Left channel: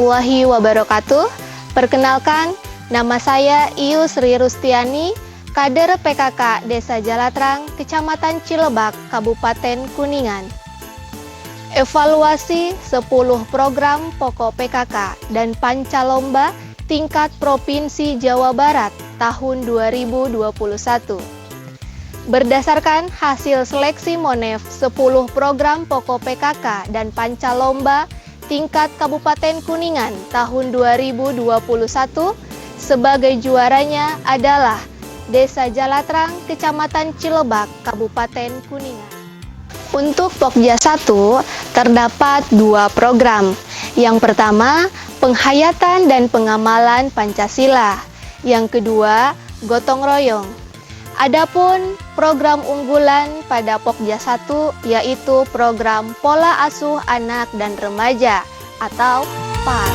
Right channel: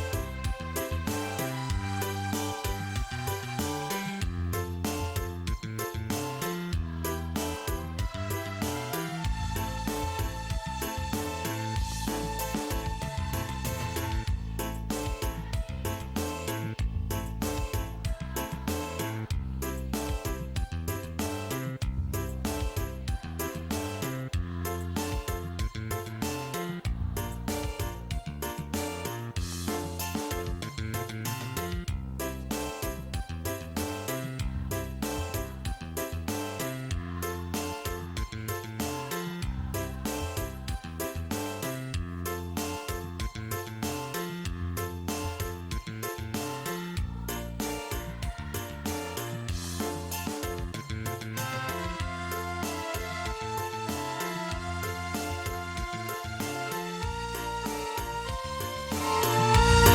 warahmatullahi wabarakatuh. Perkenalkan, nama saya Iu Sri Rustiani, kader PKK Desa Jalatrang, Kecamatan Cilebak, Kabupaten Kuningan. Evaluasi 10 program pokok PKK dan Pancalomba tingkat Provinsi Jawa Barat tahun 2021. Berdasarkan hasil seleksi Monef 10 program pokok PKK dan Pancalomba tingkat Kabupaten Kuningan tahun 2021, sebagai juaranya adalah Desa Jalatrang, Kecamatan Cilebak, Kabupaten Kuningan. Untuk Pokja 1 terdapat 2 program. Yang pertama, penghayatan dan pengamalan Pancasila. Yang kedua, gotong royong. Adapun program unggulan pada Pokja 1 yaitu program Pola Asuh Anak dan Remaja atau PAR.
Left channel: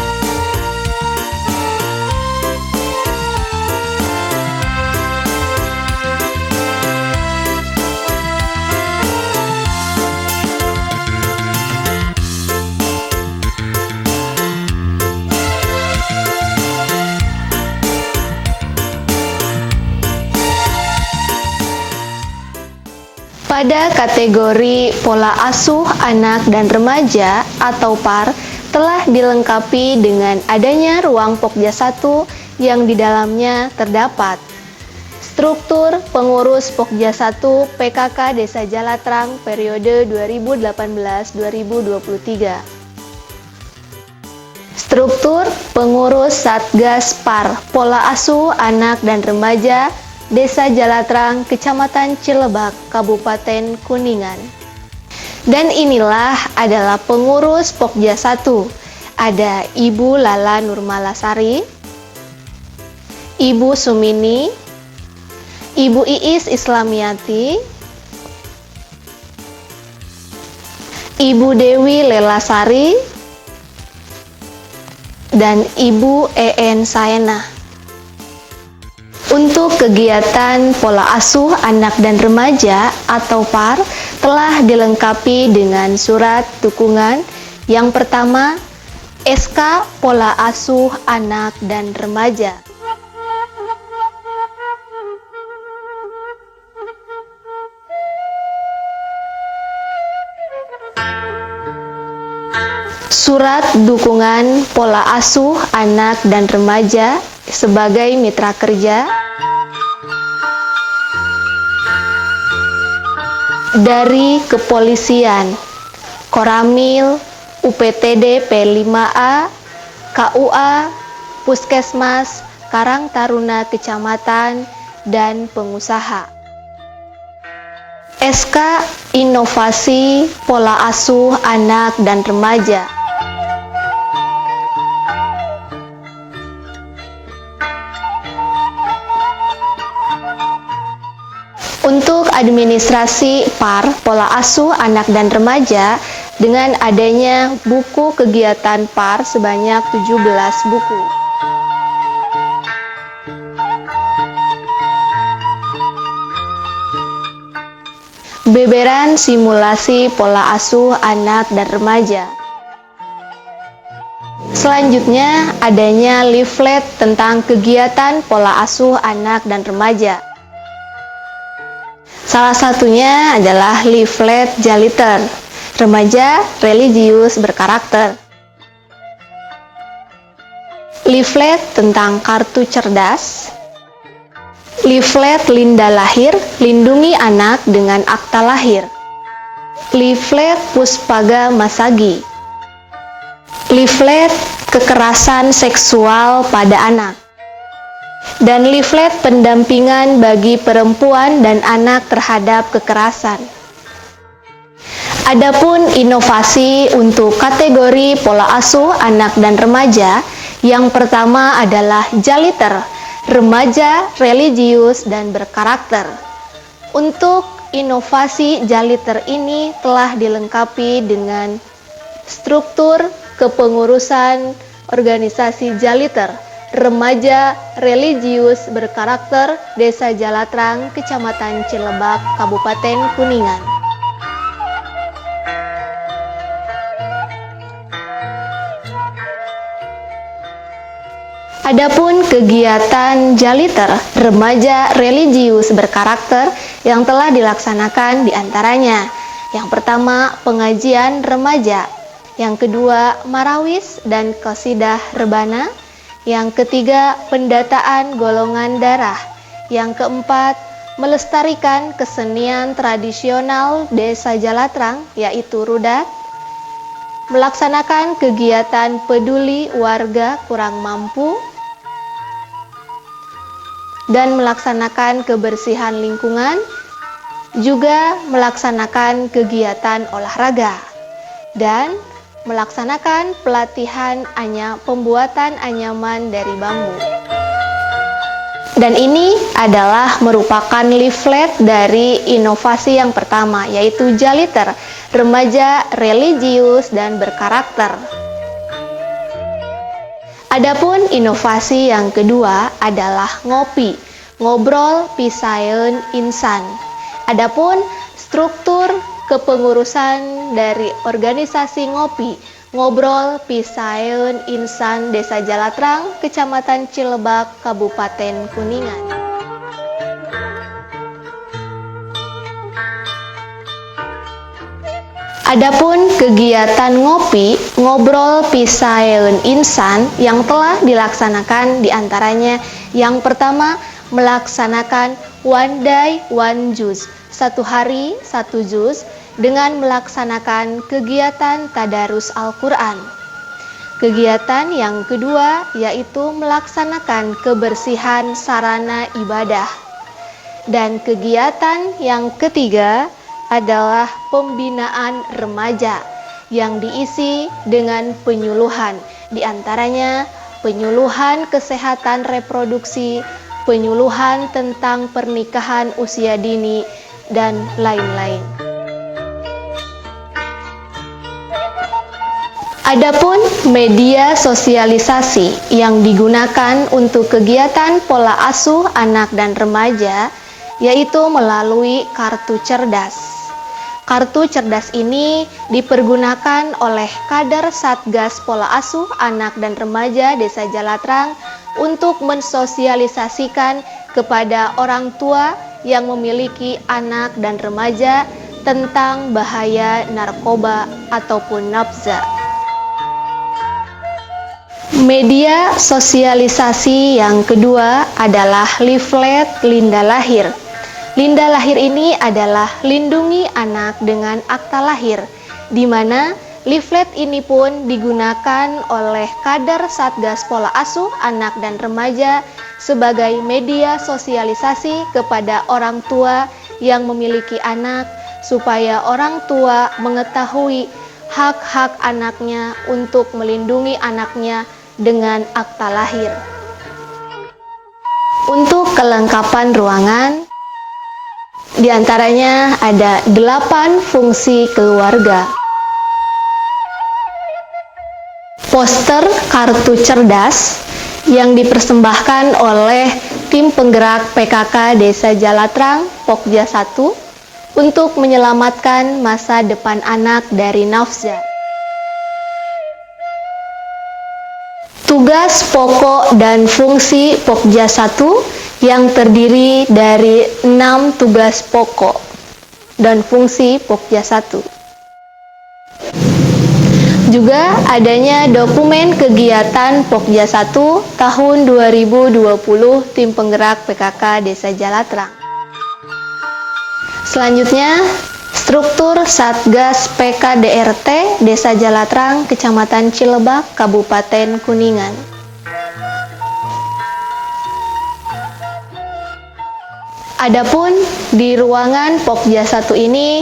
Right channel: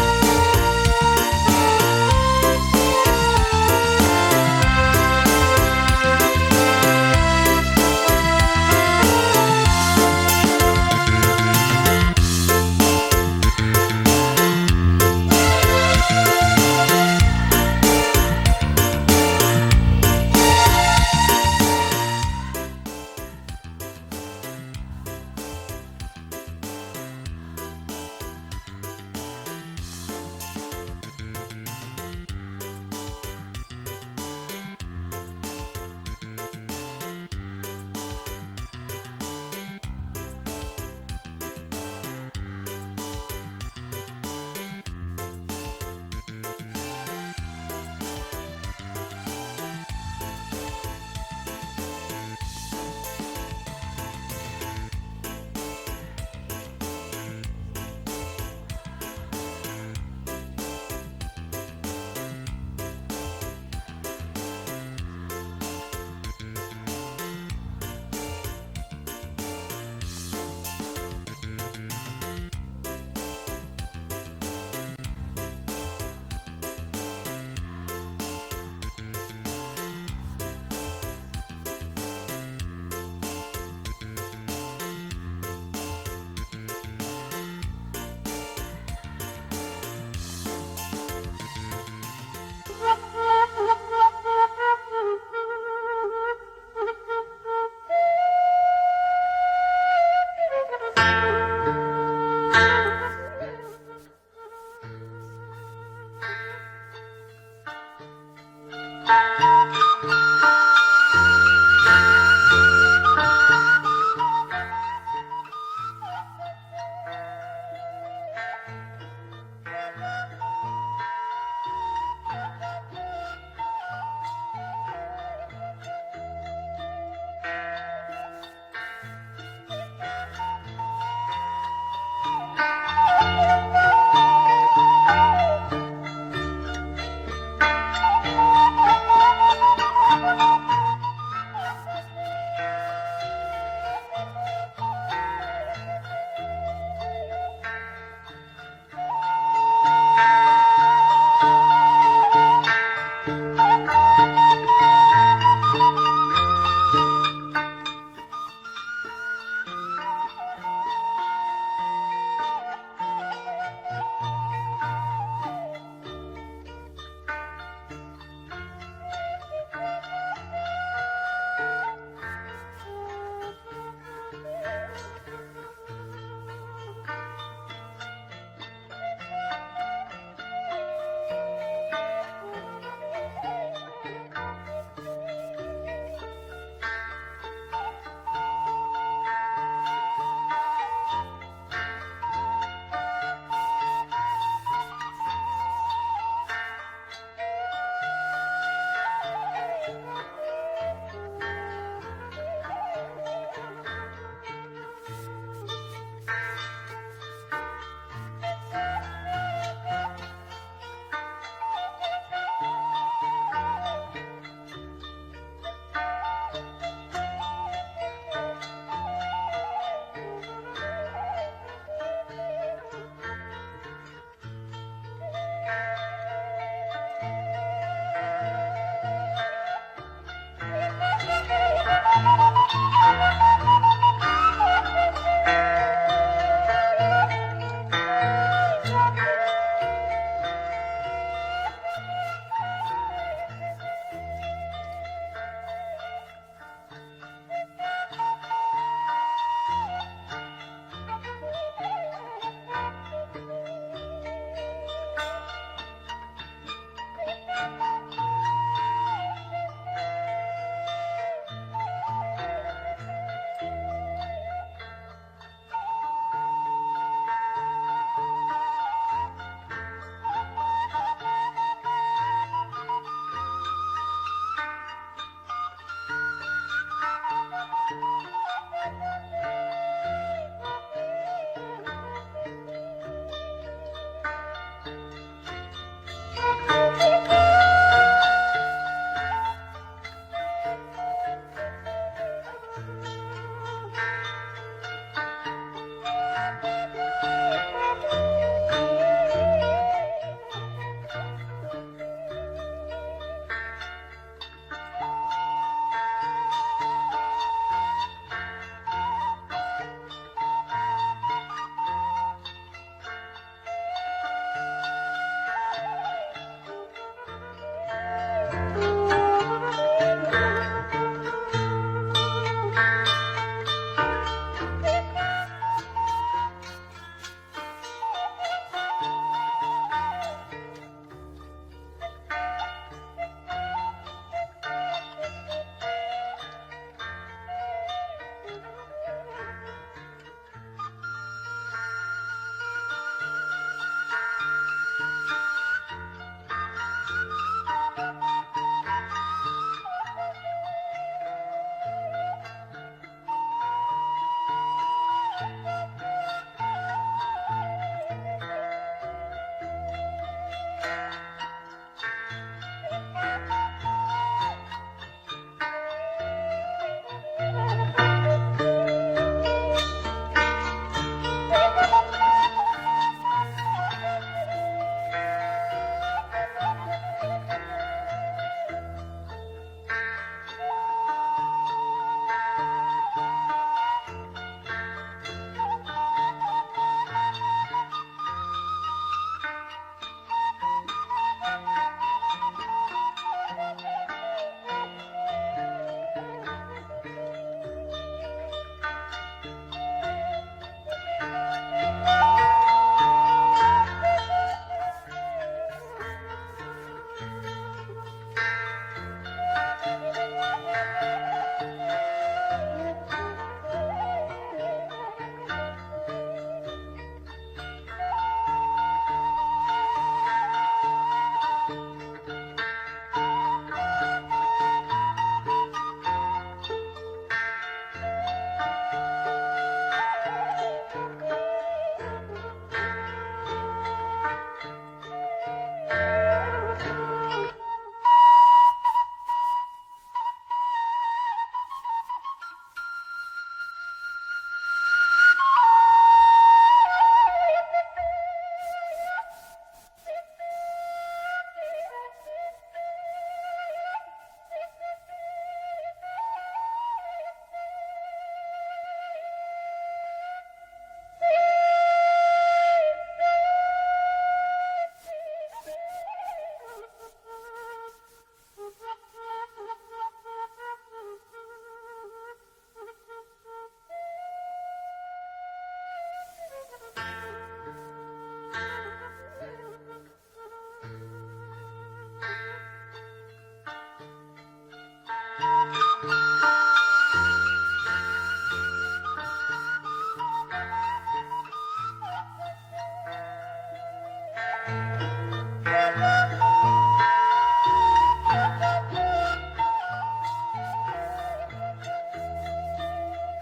Pada kategori Pola Asuh Anak dan Remaja atau PAR telah dilengkapi dengan adanya ruang Pokja 1 yang di dalamnya terdapat struktur pengurus Pokja 1 PKK Desa Jalatrang periode 2018-2023. Struktur pengurus Satgas PAR Pola Asuh Anak dan Remaja Desa Jalatrang, Kecamatan Cilebak, Kabupaten Kuningan. Dan inilah adalah pengurus Pokja 1. Ada Ibu Lala Nurmalasari, Ibu Sumini, Ibu Iis Islamiati, Ibu Dewi Lelasari, dan Ibu En Saena. Untuk kegiatan Pola Asuh Anak dan Remaja atau PAR telah dilengkapi dengan surat dukungan. Yang pertama, SK Pola Asuh Anak dan Remaja. Surat dukungan Pola Asuh Anak dan Remaja sebagai mitra kerja dari Kepolisian, Koramil, UPTD P5A, KUA, Puskesmas, Karang Taruna Kecamatan, dan pengusaha. SK Inovasi Pola Asuh Anak dan Remaja. Untuk administrasi PAR Pola Asuh Anak dan Remaja dengan adanya buku kegiatan PAR sebanyak 17 buku. Beberan simulasi Pola Asuh Anak dan Remaja. Selanjutnya adanya leaflet tentang kegiatan Pola Asuh Anak dan Remaja. Salah satunya adalah leaflet Jaliter, Remaja Religius Berkarakter. Leaflet tentang kartu cerdas. Leaflet Linda Lahir, Lindungi Anak dengan Akta Lahir. Leaflet Puspaga Masagi. Leaflet Kekerasan Seksual pada Anak. Dan leaflet pendampingan bagi perempuan dan anak terhadap kekerasan. Adapun inovasi untuk kategori Pola Asuh Anak dan Remaja, yang pertama adalah Jaliter, Remaja Religius dan Berkarakter. Untuk inovasi Jaliter ini telah dilengkapi dengan struktur kepengurusan organisasi Jaliter, Remaja Religius Berkarakter Desa Jalatrang, Kecamatan Cilebak, Kabupaten Kuningan. Adapun kegiatan Jaliter, remaja religius berkarakter yang telah dilaksanakan diantaranya. Yang pertama, pengajian remaja. Yang kedua, marawis dan qasidah rebana. Yang ketiga, pendataan golongan darah. Yang keempat, melestarikan kesenian tradisional Desa Jalatrang, yaitu rudat. Melaksanakan kegiatan peduli warga kurang mampu. Dan melaksanakan kebersihan lingkungan, juga melaksanakan kegiatan olahraga, dan melaksanakan pelatihan pembuatan anyaman dari bambu. Dan ini adalah merupakan leaflet dari inovasi yang pertama, yaitu Jaliter, remaja religius dan berkarakter. Adapun inovasi yang kedua adalah ngopi, ngobrol pisaeun insan. Adapun struktur kepengurusan dari organisasi ngopi, ngobrol pisaeun insan Desa Jalatrang, Kecamatan Cilebak, Kabupaten Kuningan. Adapun kegiatan ngopi, ngobrol pisaeun insan yang telah dilaksanakan diantaranya yang pertama, melaksanakan one day one juz, 1 hari 1 juz dengan melaksanakan kegiatan tadarus Al-Quran. Kegiatan yang kedua yaitu melaksanakan kebersihan sarana ibadah. Dan kegiatan yang ketiga adalah pembinaan remaja yang diisi dengan penyuluhan, diantaranya penyuluhan kesehatan reproduksi, penyuluhan tentang pernikahan usia dini, dan lain-lain. Adapun media sosialisasi yang digunakan untuk kegiatan pola asuh anak dan remaja yaitu melalui kartu cerdas. Kartu cerdas ini dipergunakan oleh kader Satgas Pola Asuh Anak dan Remaja Desa Jalatrang untuk mensosialisasikan kepada orang tua yang memiliki anak dan remaja tentang bahaya narkoba ataupun nafza. Media sosialisasi yang kedua adalah leaflet Linda Lahir. Linda Lahir ini adalah lindungi anak dengan akta lahir, di mana leaflet ini pun digunakan oleh kader Satgas Pola Asuh Anak dan Remaja sebagai media sosialisasi kepada orang tua yang memiliki anak, supaya orang tua mengetahui hak-hak anaknya untuk melindungi anaknya dengan akta lahir. Untuk kelengkapan ruangan, di antaranya ada 8 fungsi keluarga. Poster kartu cerdas yang dipersembahkan oleh tim penggerak PKK Desa Jalatrang Pokja 1 untuk menyelamatkan masa depan anak dari nafza. Tugas pokok dan fungsi Pokja 1 yang terdiri dari 6 tugas pokok dan fungsi Pokja 1. Juga adanya dokumen kegiatan Pokja 1 tahun 2020 tim penggerak PKK Desa Jalatrang. Selanjutnya, struktur Satgas PKDRT Desa Jalatrang, Kecamatan Cilebak, Kabupaten Kuningan. Adapun di ruangan Pokja 1 ini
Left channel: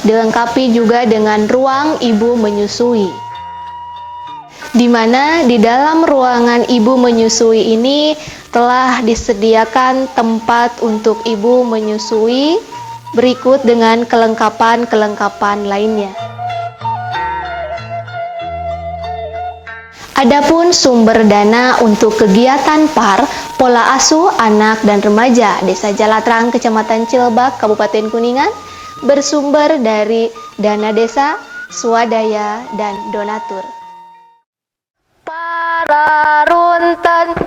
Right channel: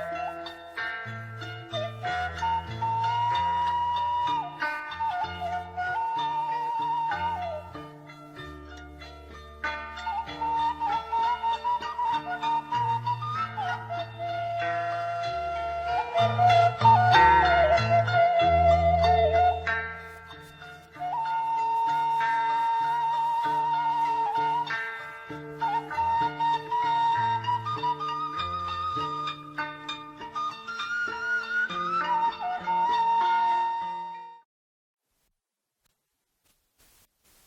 dilengkapi juga dengan ruang ibu menyusui, di mana di dalam ruangan ibu menyusui ini telah disediakan tempat untuk ibu menyusui berikut dengan kelengkapan-kelengkapan lainnya. Adapun sumber dana untuk kegiatan PAR, Pola Asuh Anak dan Remaja Desa Jalatrang, Kecamatan Cilebak, Kabupaten Kuningan, bersumber dari dana desa, swadaya, dan donatur. Para runten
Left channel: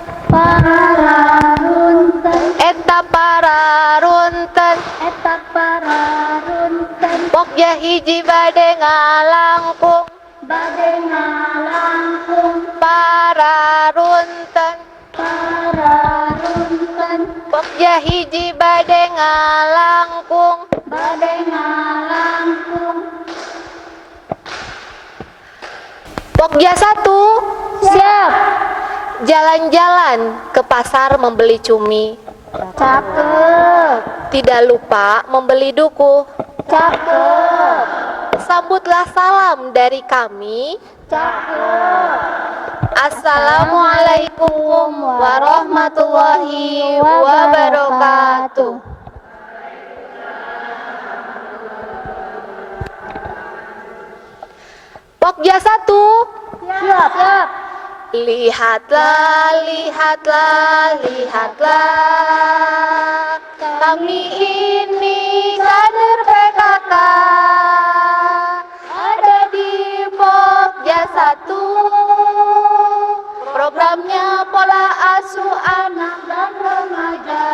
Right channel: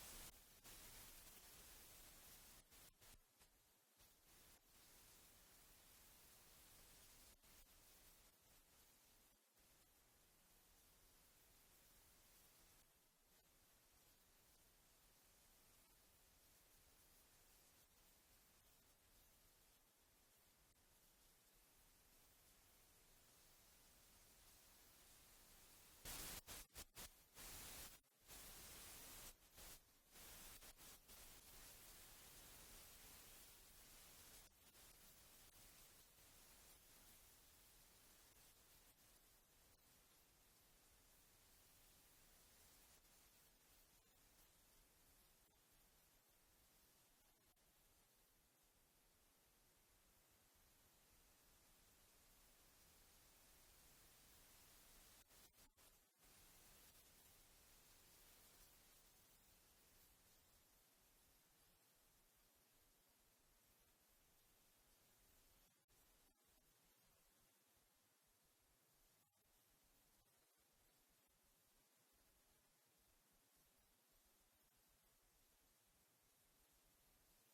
hiji bade ngalangkung para runten Pokja hiji bade ngalangkung Pokja 1 Siap. jalan-jalan ke pasar membeli cumi. Cakep. Tidak lupa membeli duku. Cakep. Sambutlah salam dari kami. Cakep. Assalamualaikum warahmatullahi wabarakatuh. Pokja 1 Siap. Lihatlah, lihatlah, lihatlah, kami ini kader PKK, ada di Pokja 1, programnya pola asuh anak dan remaja.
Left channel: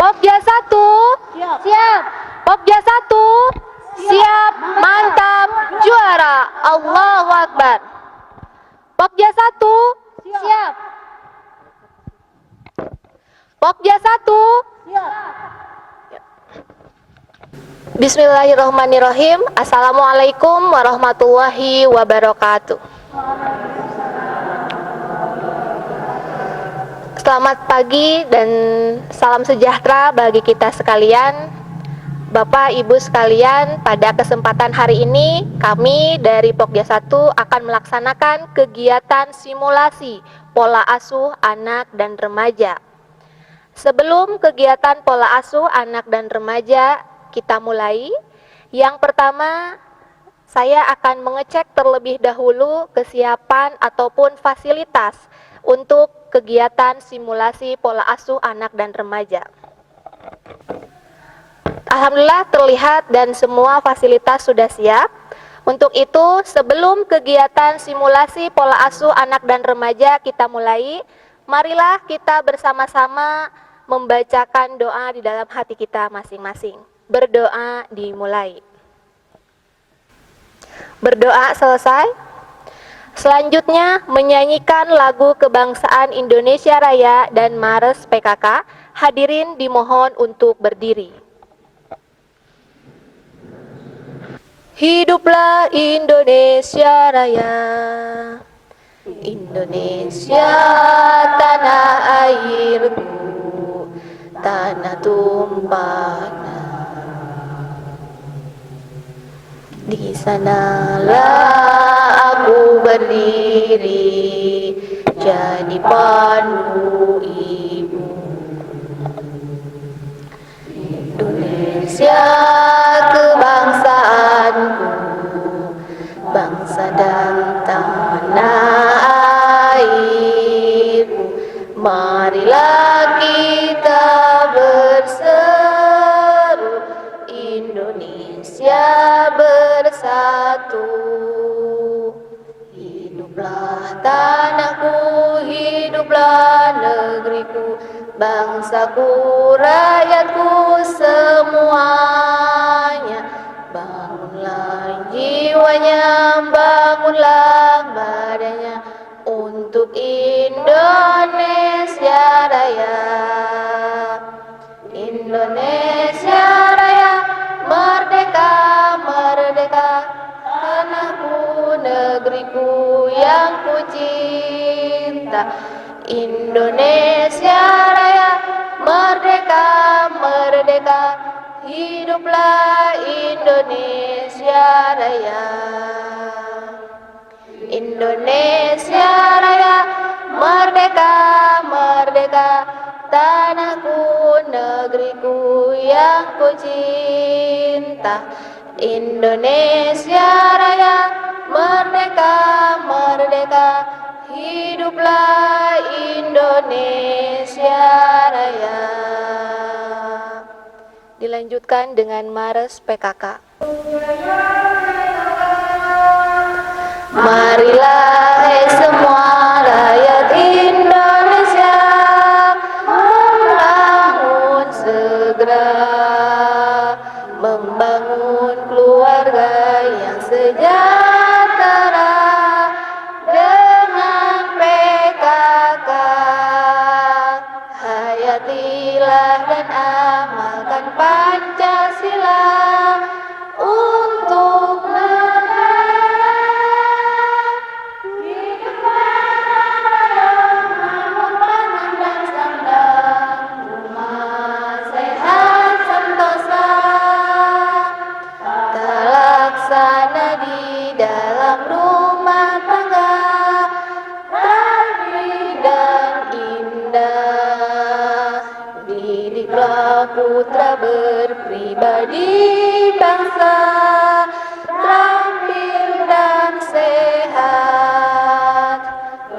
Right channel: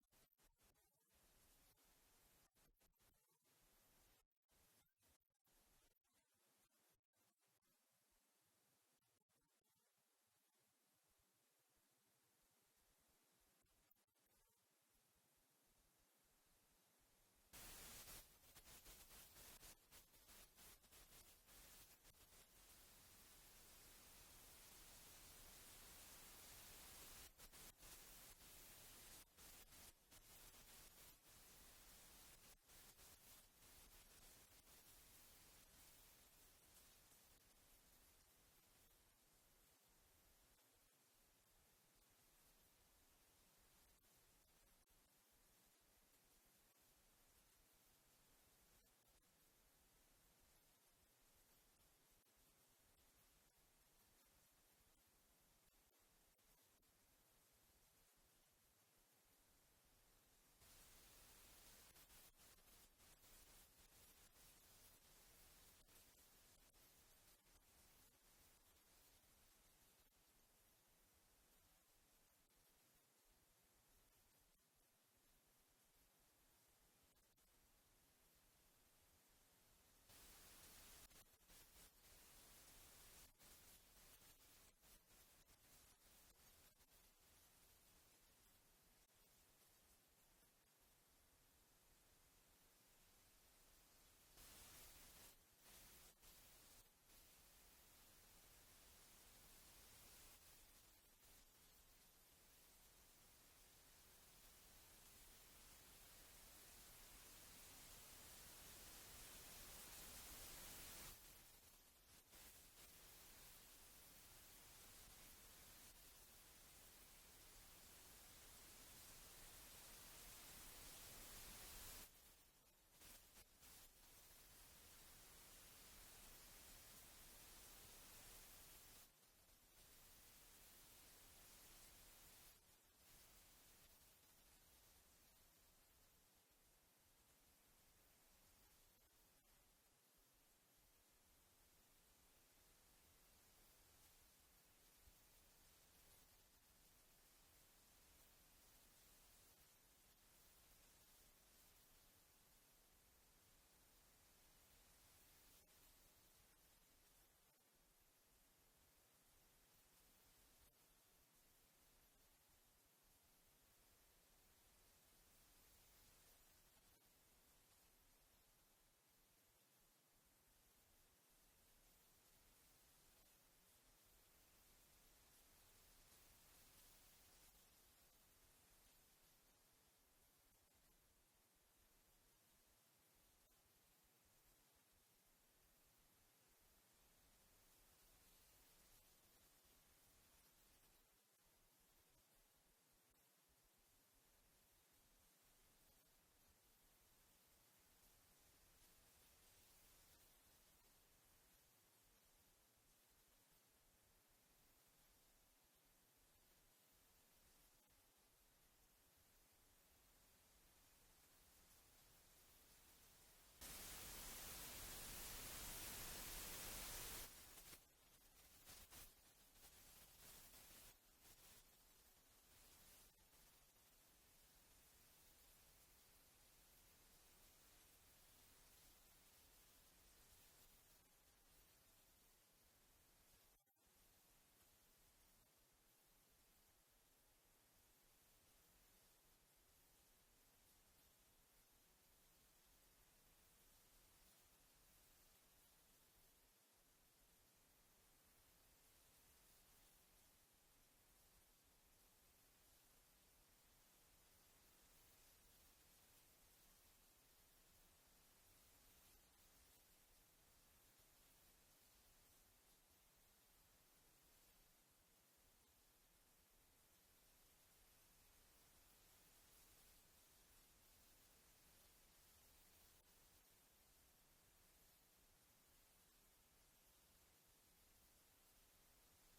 Pokja 1, Siap. Pokja 1, siap, mantap, juara, Allahu Akbar. Pokja 1, Siap. Pokja 1. Bismillahirrahmanirrahim. Assalamualaikum warahmatullahi wabarakatuh. Selamat pagi dan salam sejahtera bagi kita sekalian. Bapak, Ibu sekalian, pada kesempatan hari ini kami dari Pokja 1 akan melaksanakan kegiatan simulasi pola asuh anak dan remaja. Sebelum kegiatan pola asuh anak dan remaja kita mulai, yang pertama saya akan mengecek terlebih dahulu kesiapan ataupun fasilitas untuk kegiatan simulasi pola asuh anak dan remaja. Alhamdulillah terlihat dan semua fasilitas sudah siap. Untuk itu sebelum kegiatan simulasi pola asuh anak dan remaja kita mulai, marilah kita bersama-sama membacakan doa di dalam hati kita masing-masing. Berdoa dimulai. Berdoa selesai. Selanjutnya menyanyikan lagu kebangsaan Indonesia Raya dan Mars PKK. Hadirin dimohon untuk berdiri. Hiduplah Indonesia Raya, Indonesia tanah airku, tanah tumpahnya. Di sanalah aku berdiri, jadi pandu ibu. Indonesia kebangsaanku, bangsa dan tanah airku. Marilah kita berseru, Indonesia bersatu. Hiduplah tanahku, hiduplah negeriku, bangsaku, rakyatku semuanya. Bangunlah jiwanya, bangunlah badannya untuk Indonesia Raya. Indonesia Raya, merdeka, merdeka, tanahku, negeriku yang ku cinta. Indonesia Raya, merdeka, merdeka, hiduplah Indonesia Raya. Indonesia Raya, merdeka, merdeka, tanahku, negeriku yang ku cinta. Indonesia Raya, merdeka, merdeka, hiduplah Indonesia Raya. Dilanjutkan dengan Mars PKK. Marilah hai semua rakyat Indonesia, membangun segera, membangun putra berpribadi bangsa, terampil dan sehat.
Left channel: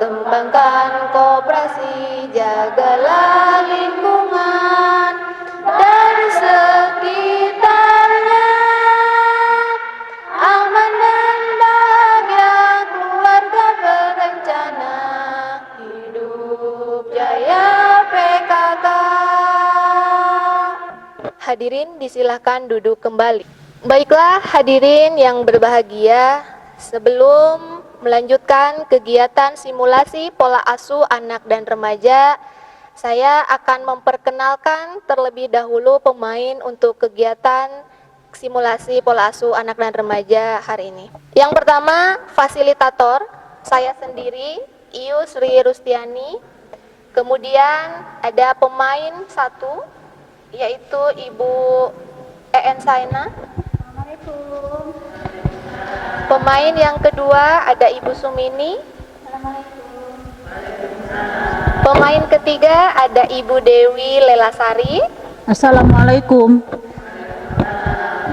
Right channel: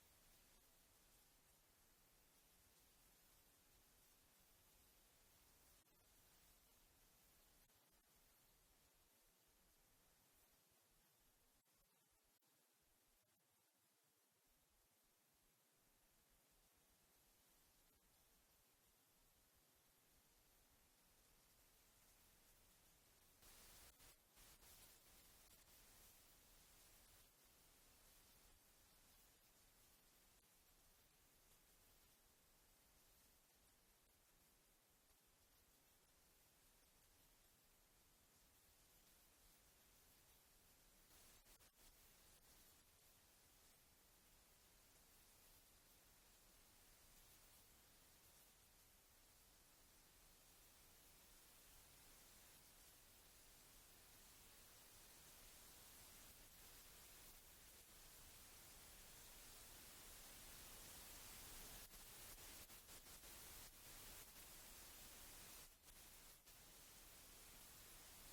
Kembangkan koperasi, jagalah lingkungan dan sekitarnya. Aman dan bahagia keluarga berencana, hidup jaya PKK. Hadirin disilahkan duduk kembali. Baiklah hadirin yang berbahagia, sebelum melanjutkan kegiatan simulasi pola asuh anak dan remaja, saya akan memperkenalkan terlebih dahulu pemain untuk kegiatan simulasi pola asuh anak dan remaja hari ini. Yang pertama, fasilitator, saya sendiri, Iu Sri Rustiani. Kemudian ada pemain satu, yaitu Ibu En Saina. Assalamualaikum. Pemain yang kedua ada Ibu Sumini. Assalamualaikum. Pemain ketiga ada Ibu Dewi Lelasari. Assalamualaikum.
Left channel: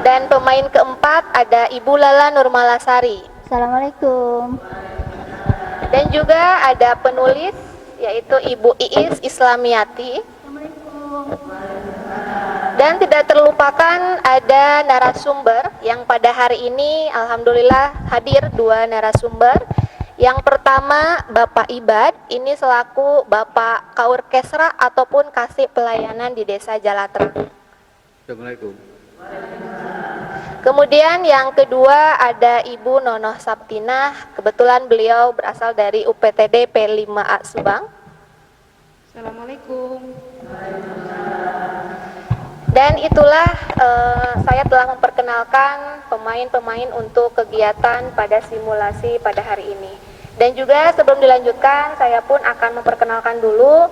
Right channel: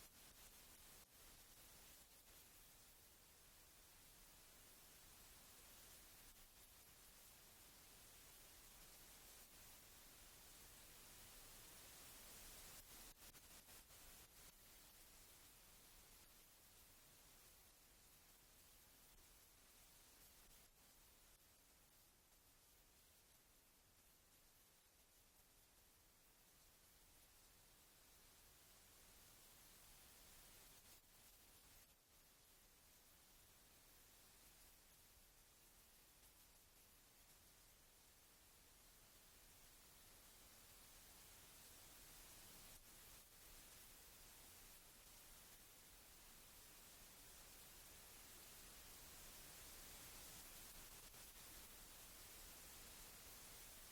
Dan pemain keempat ada Ibu Lala Nurmalasari. Assalamualaikum. Dan juga ada penulis yaitu Ibu Iis Islamiati. Assalamualaikum. Dan tidak terlupakan ada narasumber yang pada hari ini alhamdulillah hadir dua narasumber. Yang pertama Bapak Ibad, ini selaku Bapak Kaorkestra ataupun Kasih Pelayanan di Desa Jalatra. Assalamualaikum. Kemudian yang kedua ada Ibu Nonoh Sabtinah, kebetulan beliau berasal dari UPTD P5A Subang. Assalamualaikum. Dan itulah saya telah memperkenalkan pemain-pemain untuk kegiatan pada simulasi pada hari ini. Dan juga sebelum dilanjutkan, saya pun akan memperkenalkan dulu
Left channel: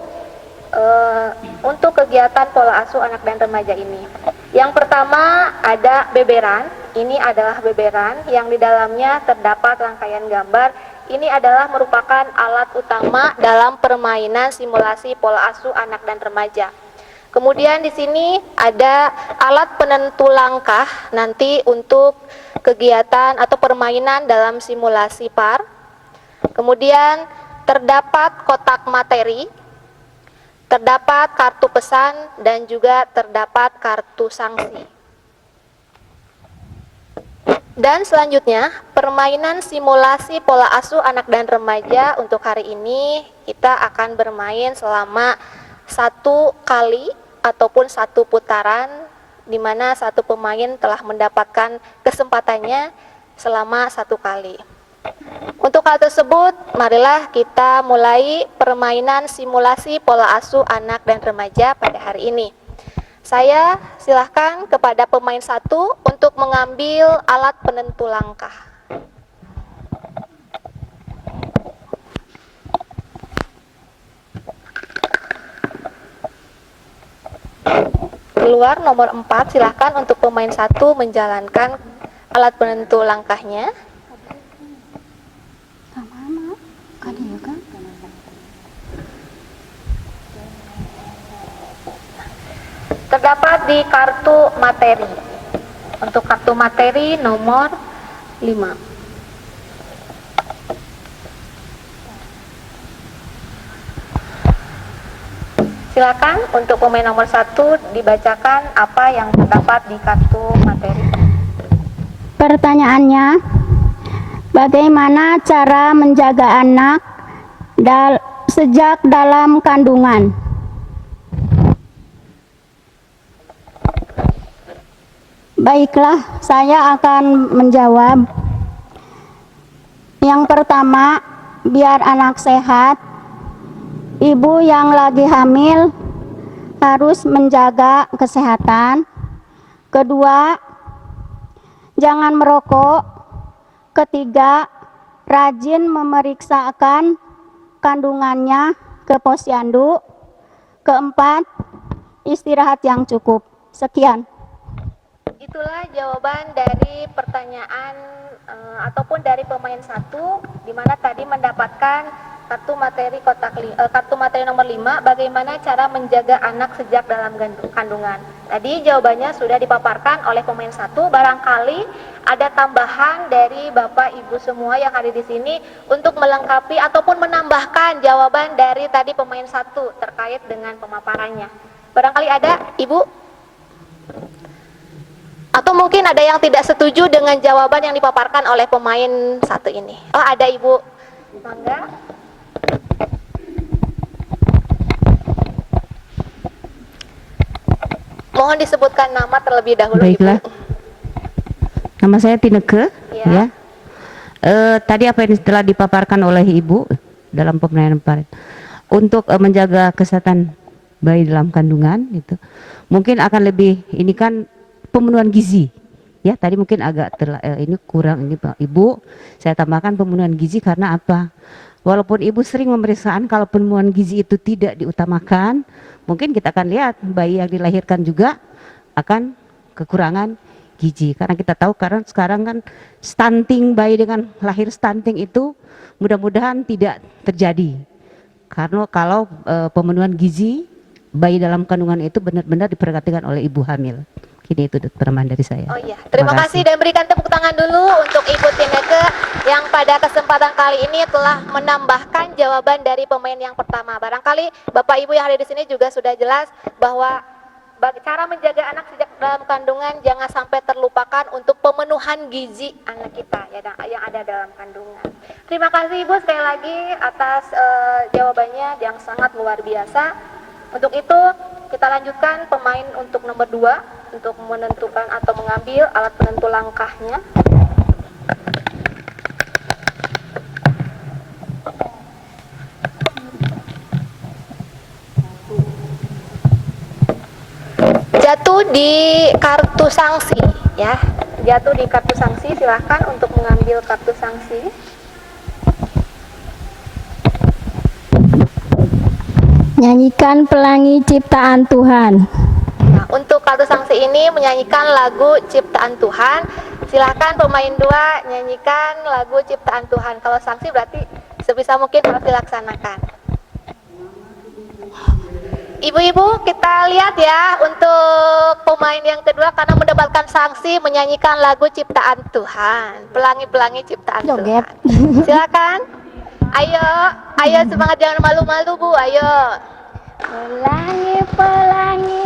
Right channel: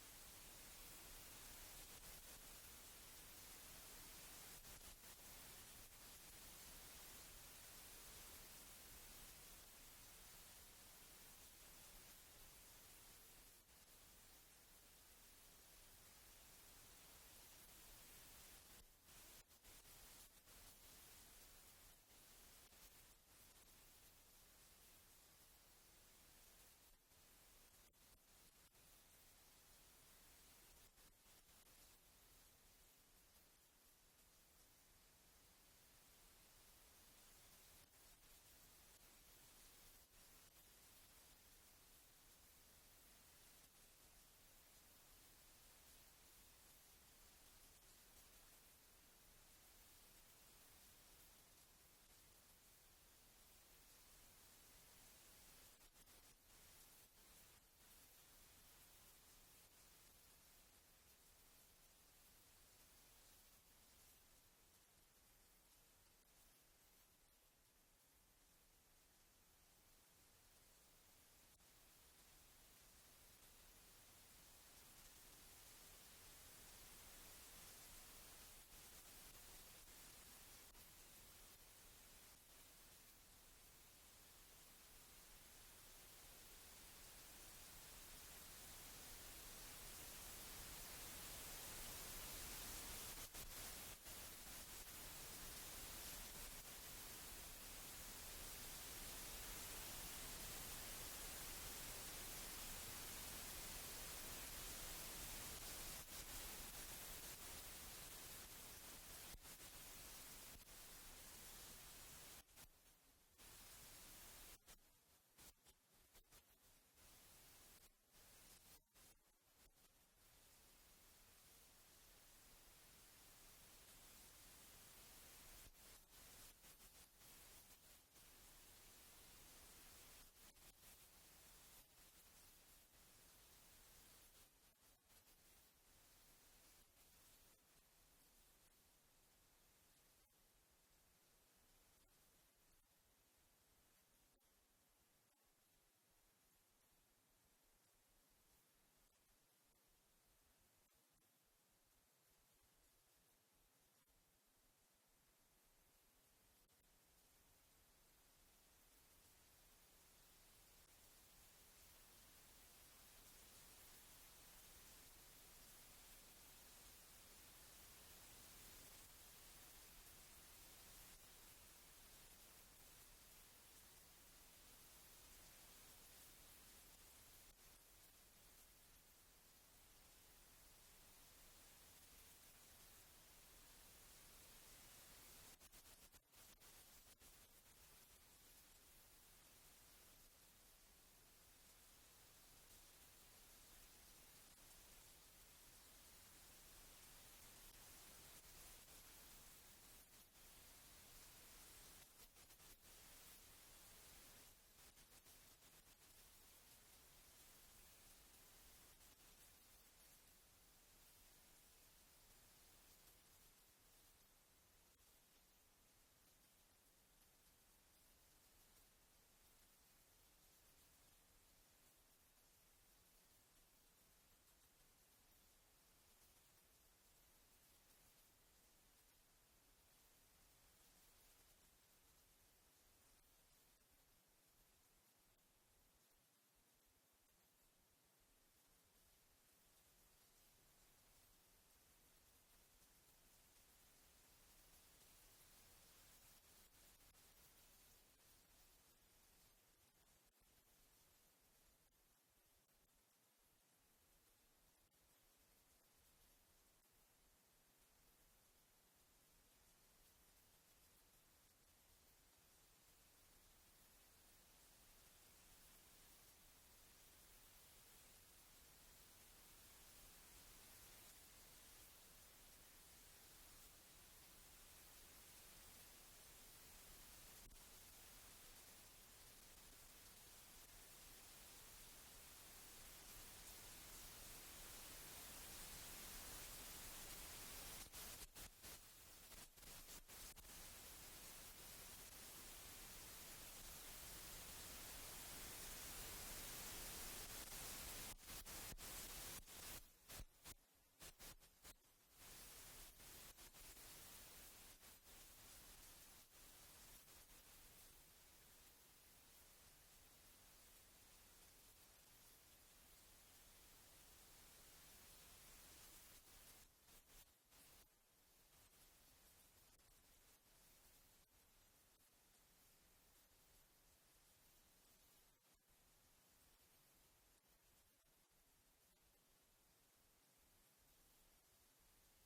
untuk kegiatan pola asuh anak dan remaja ini. Yang pertama ada beberan. Ini adalah beberan yang di dalamnya terdapat rangkaian gambar. Ini adalah merupakan alat utama dalam permainan simulasi pola asuh anak dan remaja. Kemudian di sini ada alat penentu langkah nanti untuk kegiatan atau permainan dalam simulasi PAR. Kemudian terdapat kotak materi, terdapat kartu pesan, dan juga terdapat kartu sanksi. Dan selanjutnya, permainan simulasi pola asuh anak dan remaja untuk hari ini kita akan bermain selama 1 kali ataupun 1 putaran, di mana satu pemain telah mendapatkan kesempatannya selama 1 kali. Untuk hal tersebut, marilah kita mulai permainan simulasi pola asuh anak dan remaja pada hari ini. Saya silahkan kepada pemain 1 untuk mengambil alat penentu langkah. Keluar nomor 4, silahkan untuk pemain 1 menjalankan alat penentu langkahnya. Terdapat di kartu materi. Untuk kartu materi nomor 5. Silakan untuk pemain nomor 1 dibacakan apa yang terdapat di kartu materi. Pertanyaannya, bagaimana cara menjaga anak sejak dalam kandungan? Baiklah, saya akan menjawab. Yang pertama, biar anak sehat, ibu yang lagi hamil harus menjaga kesehatan. Kedua, jangan merokok. Ketiga, rajin memeriksakan kandungannya ke posyandu. Keempat, istirahat yang cukup. Sekian. Itulah jawaban dari pertanyaan ataupun dari pemain 1, di mana tadi mendapatkan kartu materi nomor 5, bagaimana cara menjaga anak sejak dalam kandungan. Tadi jawabannya sudah dipaparkan oleh pemain 1. Barangkali ada tambahan dari Bapak Ibu semua yang hadir di sini untuk melengkapi ataupun menambahkan jawaban dari tadi pemain 1 terkait dengan pemaparannya. Barangkali ada, Ibu? Atau mungkin ada yang tidak setuju dengan jawaban yang dipaparkan oleh pemain 1 ini. Oh, ada, Ibu. Mangga. Mohon disebutkan nama terlebih dahulu. Baiklah. Ibu. Nama saya Tineke. Ya. Tadi apa yang telah dipaparkan oleh Ibu dalam pemberian kemarin untuk menjaga kesehatan bayi dalam kandungan itu mungkin akan lebih, ini kan pemenuhan gizi ya, tadi mungkin agak ini kurang ini Pak Ibu, saya tambahkan pemenuhan gizi karena apa, walaupun Ibu sering pemeriksaan kalau pemenuhan gizi itu tidak diutamakan, mungkin kita akan lihat bayi yang dilahirkan juga akan kekurangan gizi, karena kita tahu karena sekarang kan stunting, bayi dengan lahir stunting itu mudah-mudahan tidak terjadi, karena kalau pemenuhan gizi bayi dalam kandungan itu benar-benar diperhatikan oleh ibu hamil. Kini itu teman dari saya. Oh iya, terima kasih dan berikan tepuk tangan dulu untuk Ibu Tineke yang pada kesempatan kali ini telah menambahkan jawaban dari pemain yang pertama. Barangkali Bapak Ibu yang hadir di sini juga sudah jelas bahwa cara menjaga anak sejak dalam kandungan jangan sampai terlupakan untuk pemenuhan gizi anak kita yang ada dalam kandungan. Terima kasih Ibu sekali lagi atas jawabannya yang sangat luar biasa. Untuk itu kita lanjutkan pemain untuk nomor 2 untuk menentukan atau mengambil alat penentu langkahnya. Jatuh di kartu sanksi ya. Jatuh di kartu sanksi, silahkan untuk mengambil kartu sanksi. Nyanyikan Pelangi Ciptaan Tuhan. Nah, untuk kartu sanksi ini menyanyikan lagu Ciptaan Tuhan. Silahkan pemain 2 nyanyikan lagu Ciptaan Tuhan. Kalau sanksi berarti sebisa mungkin harus dilaksanakan. Ibu-ibu, kita lihat ya untuk pemain yang kedua karena mendapatkan sanksi menyanyikan lagu Ciptaan Tuhan. Pelangi-pelangi Ciptaan Joget. Tuhan. Silakan. Ayo semangat, jangan malu-malu Bu, ayo. Pelangi-pelangi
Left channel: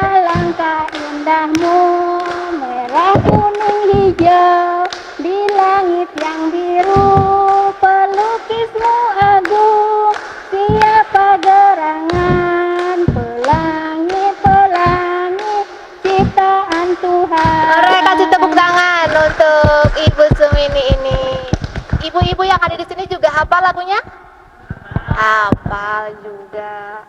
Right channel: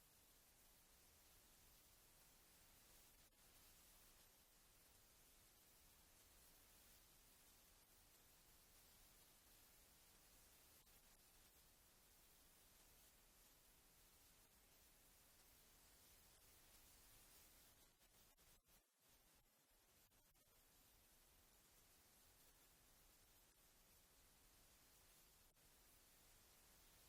alangkah indahmu, merah kuning hijau di langit yang biru, pelukismu agung, siapa gerangan, pelangi-pelangi ciptaan Tuhan. Mari kasih tepuk tangan untuk Ibu Sumini ini. Ibu-ibu yang ada di sini juga hafal lagunya? Hafal juga.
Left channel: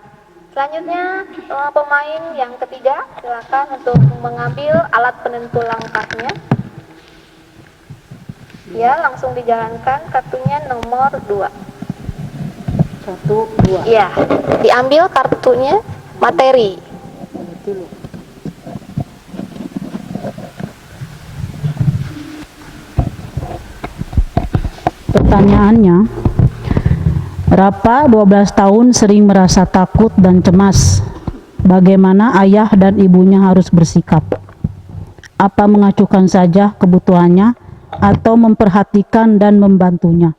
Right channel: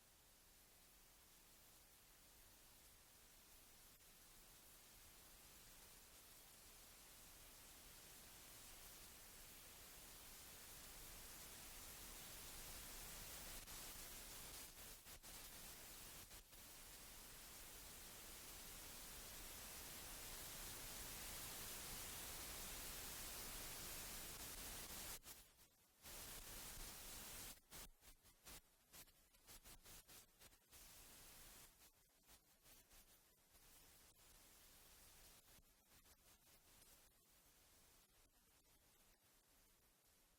Selanjutnya pemain yang ketiga, silakan untuk mengambil alat penentu langkahnya. Ya, langsung dijalankan kartunya nomor 2. 1, 2. Ya, diambil kartunya materi. Pertanyaannya, Rafa 12 tahun sering merasa takut dan cemas. Bagaimana ayah dan ibunya harus bersikap? Apa mengacuhkan saja kebutuhannya atau memperhatikan dan membantunya?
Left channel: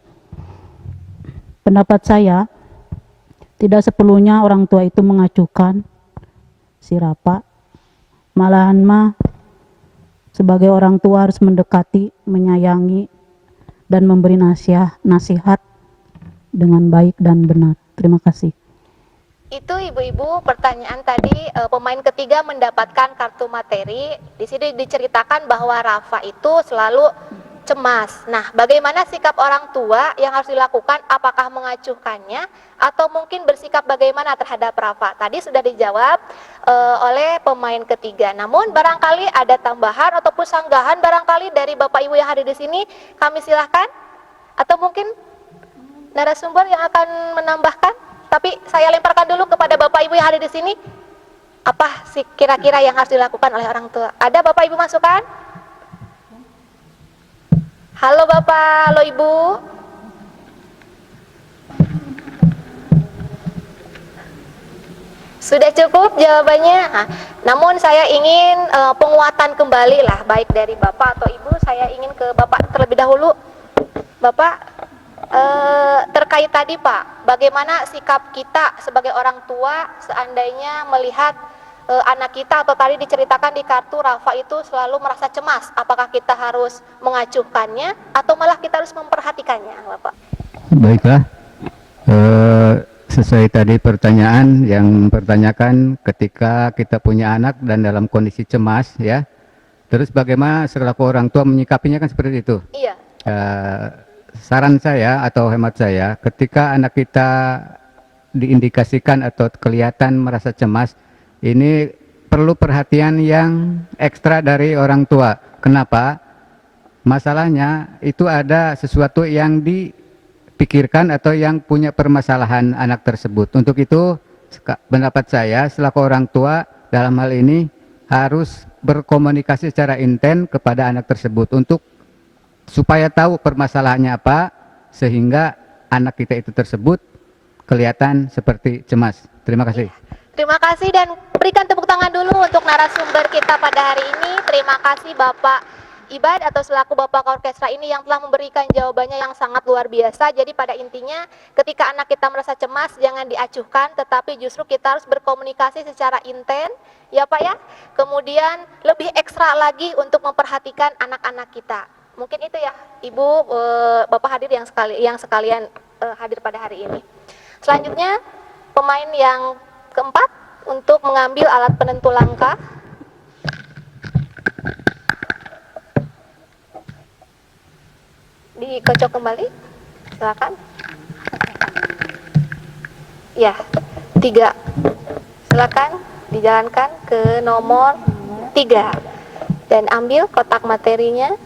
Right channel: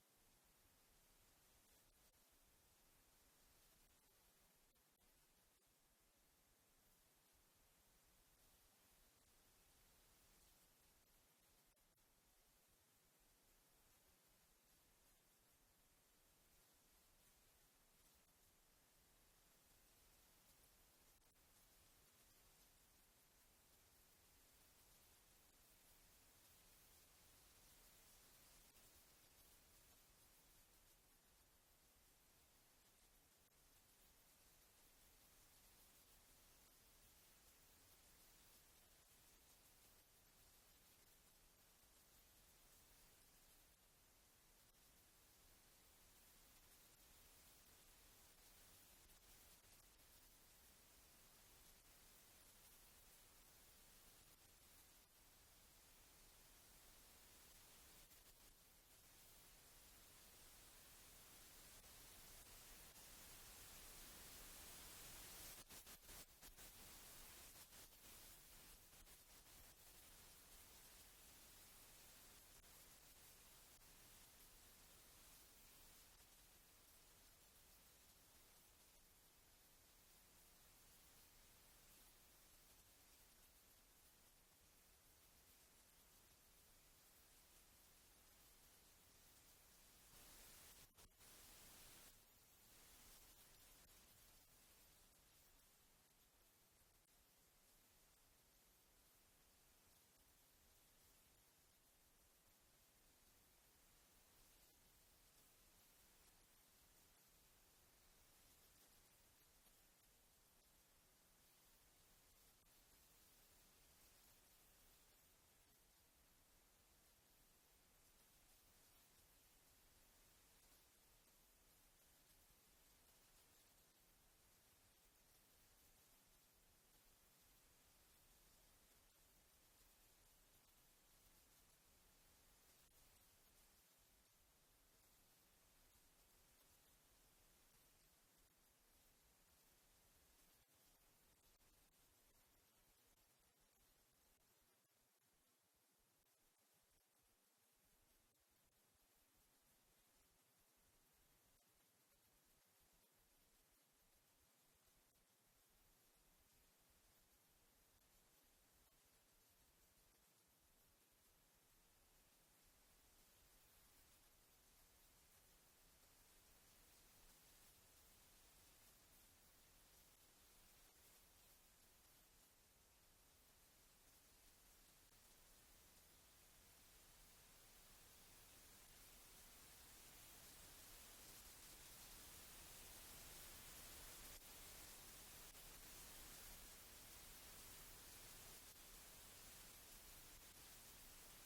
Pendapat saya, tidak seperlunya orang tua itu mengacuhkan si Rafa. Malahan sebagai orang tua harus mendekati, menyayangi, dan memberi nasihat dengan baik dan benar. Terima kasih. Itu ibu-ibu pertanyaan tadi, pemain ketiga mendapatkan kartu materi. Di sini diceritakan bahwa Rafa itu selalu cemas. Nah, bagaimana sikap orang tua yang harus dilakukan? Apakah mengacuhkannya atau mungkin bersikap bagaimana terhadap Rafa? Tadi sudah dijawab oleh pemain ketiga. Namun barangkali ada tambahan ataupun sanggahan barangkali dari Bapak Ibu yang hadir di sini, kami silahkan. Atau mungkin narasumber yang akan menambahkan? Tapi saya lemparkan dulu kepada Bapak Ibu yang hadir di sini. Apa sih kira-kira yang harus dilakukan oleh orang tua? Ada Bapak Ibu masukan? Halo Bapak, halo Ibu. Sudah cukup jawabannya. Nah, namun saya ingin penguatan kembali lah, baik dari Bapak atau Ibu. Saya ingin ke Bapak terlebih dahulu. Bapak, terkait tadi Pak, bagaimana sikap kita sebagai orang tua seandainya melihat anak kita, atau tadi diceritakan di kartu Rafa itu selalu merasa cemas. Apakah kita harus mengacuhkannya atau malah kita harus memperhatikannya, Bapak? Baiklah, sesuai tadi pertanyaan yang pertanyakan, ketika kita punya anak dan dalam kondisi cemas ya, terus bagaimana selaku orang tua menyikapinya, kan seperti itu. Iya. Saran saya atau hemat saya, ketika anak kita diindikasikan atau kelihatan merasa cemas, ini perlu perhatian yang ekstra dari orang tua. Kenapa? Masalahnya itu ada sesuatu yang dipikirkan atau yang punya permasalahan anak tersebut. Untuk itu, pendapat saya selaku orang tua dalam hal ini harus berkomunikasi secara intens kepada anak tersebut untuk supaya tahu permasalahannya apa, sehingga anak kita itu tersebut kelihatan seperti cemas. Terima kasih. Terima kasih, dan berikan tepuk tangan dulu untuk narasumber kita pada hari ini. Terima kasih Bapak Ibad atau selaku Bapak Orkestra ini yang telah memberikan jawabannya yang sangat luar biasa. Jadi pada intinya ketika anak kita merasa cemas jangan diacuhkan, tetapi justru kita harus berkomunikasi secara intens ya Pak ya. Kemudian lebih ekstra lagi untuk memperhatikan anak-anak kita. Mungkin itu ya Ibu, Bapak hadir yang sekalian hadir pada hari ini. Selanjutnya pemain yang keempat untuk mengambil alat penentu langkah. Dikocok kembali, silakan. Ya, 3. Silakan dijalankan ke nomor 3 dan ambil kotak materinya.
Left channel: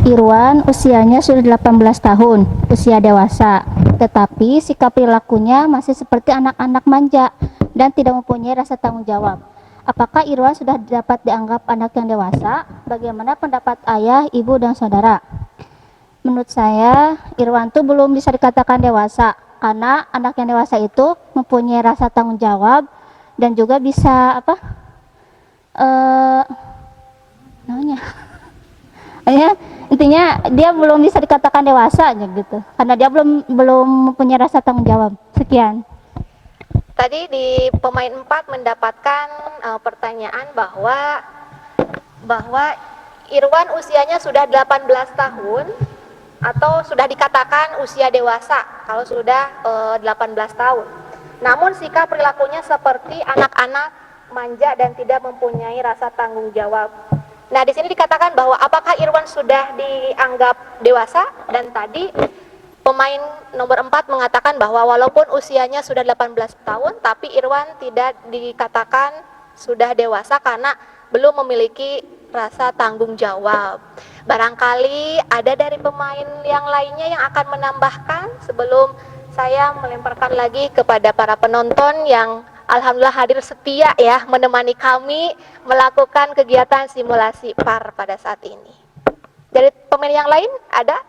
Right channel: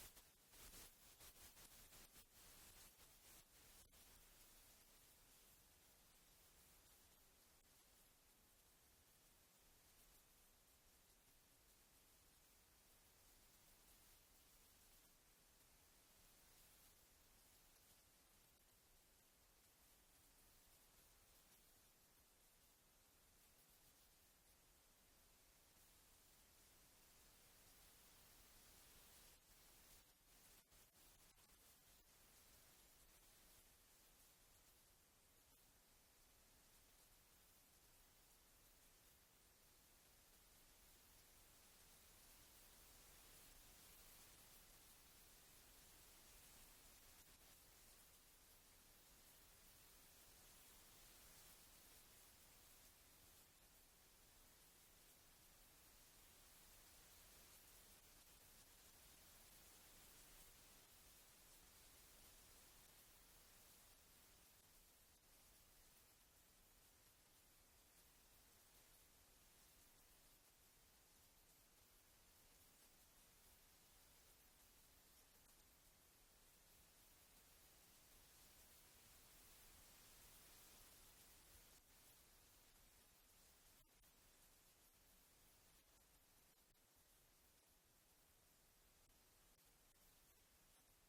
Irwan usianya sudah 18 tahun, usia dewasa, tetapi sikap perilakunya masih seperti anak-anak manja dan tidak mempunyai rasa tanggung jawab. Apakah Irwan sudah dapat dianggap anak yang dewasa? Bagaimana pendapat ayah, ibu, dan saudara? Menurut saya, Irwan itu belum bisa dikatakan dewasa, karena anak yang dewasa itu mempunyai rasa tanggung jawab dan juga bisa intinya dia belum bisa dikatakan dewasa aja gitu, karena dia belum mempunyai rasa tanggung jawab. Sekian. Tadi di pemain 4 mendapatkan pertanyaan bahwa Irwan usianya sudah 18 tahun atau sudah dikatakan usia dewasa kalau sudah 18 tahun. Namun sikap perilakunya seperti anak-anak manja dan tidak mempunyai rasa tanggung jawab. Nah, di sini dikatakan bahwa apakah Irwan sudah dianggap dewasa, dan tadi pemain nomor 4 mengatakan bahwa walaupun usianya sudah 18 tahun, tapi Irwan tidak dikatakan sudah dewasa karena belum memiliki rasa tanggung jawab. Barangkali ada dari pemain yang lainnya yang akan menambahkan sebelum saya melemparkan lagi kepada para penonton yang alhamdulillah hadir setia ya menemani kami melakukan kegiatan simulasi PAR pada saat ini. Dari pemain yang lain ada?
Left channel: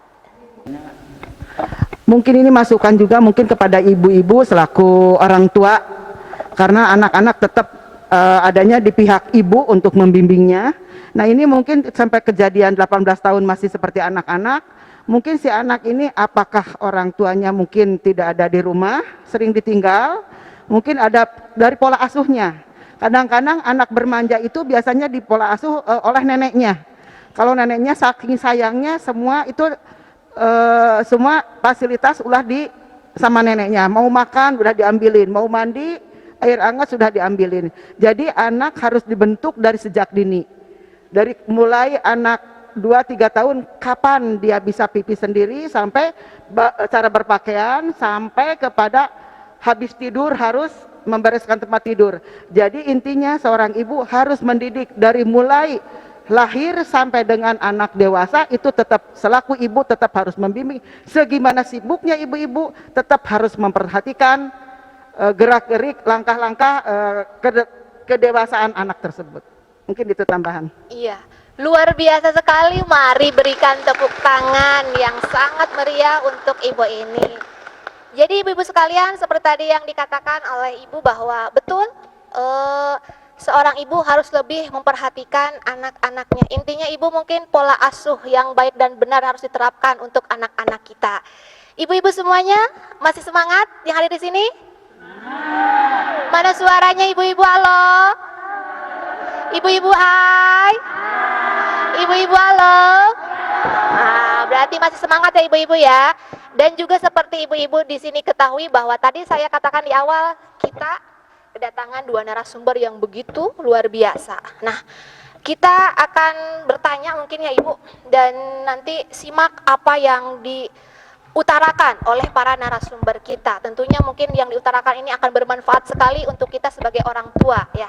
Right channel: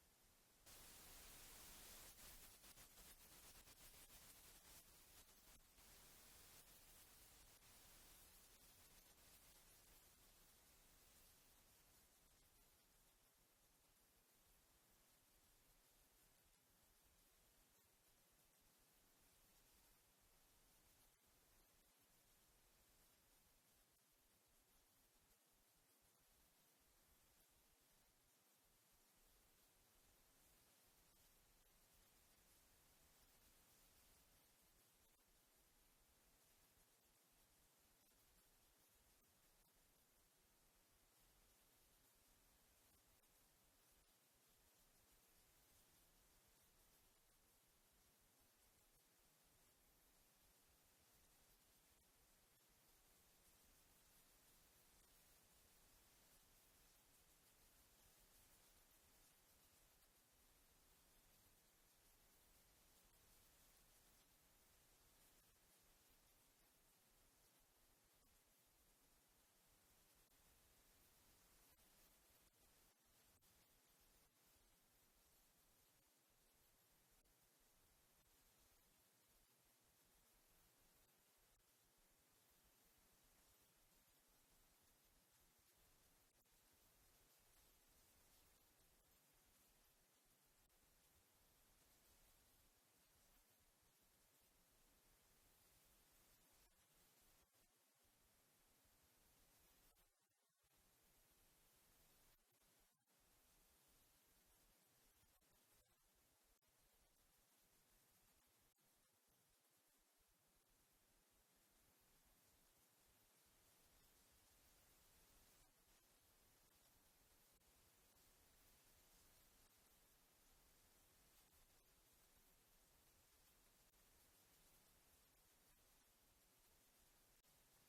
Mungkin ini masukan juga mungkin kepada ibu-ibu selaku orang tua, karena anak-anak tetap adanya di pihak ibu untuk membimbingnya. Nah, ini mungkin sampai kejadian 18 tahun masih seperti anak-anak. Mungkin si anak ini apakah orang tuanya mungkin tidak ada di rumah, sering ditinggal, mungkin ada dari pola asuhnya. Kadang-kadang anak bermanja itu biasanya di pola asuh oleh neneknya. Kalau neneknya saking sayangnya semua itu semua fasilitas ulah sama neneknya. Mau makan udah diambilin, mau mandi air hangat sudah diambilin. Jadi anak harus dibentuk dari sejak dini. Dari mulai anak 2-3 tahun kapan dia bisa pipi sendiri, sampai cara berpakaian, sampai kepada habis tidur harus membereskan tempat tidur. Jadi intinya seorang ibu harus mendidik dari mulai lahir sampai dengan anak dewasa, itu tetap selaku ibu tetap harus membimbing. Segimana sibuknya ibu-ibu tetap harus memperhatikan gerak-gerik, langkah-langkah kedewasaan anak tersebut. Mungkin itu tambahan. Iya, luar biasa sekali. Mari berikan tepuk tangan yang sangat meriah untuk ibu ini. Jadi ibu-ibu sekalian, seperti tadi yang dikatakan oleh ibu bahwa betul seorang ibu harus lebih memperhatikan anak-anaknya. Intinya ibu mungkin pola asuh yang baik dan benar harus diterapkan untuk anak-anak kita. Ibu-ibu semuanya masih semangat yang hadir di sini? Mana suaranya ibu-ibu? Halo? Ibu-ibu hai? Ibu-ibu halo? Berarti masih semangat ya ibu-ibu ya. Dan juga seperti ibu-ibu di sini ketahui bahwa tadi saya katakan di awal kita kedatangan dua narasumber yang begitu luar biasa. Nah, kita akan bertanya mungkin ya ibu, dan nanti simak apa yang diutarakan oleh para narasumber kita. Tentunya mungkin yang diutarakan ini akan bermanfaat sekali untuk kita sebagai orang tua ya.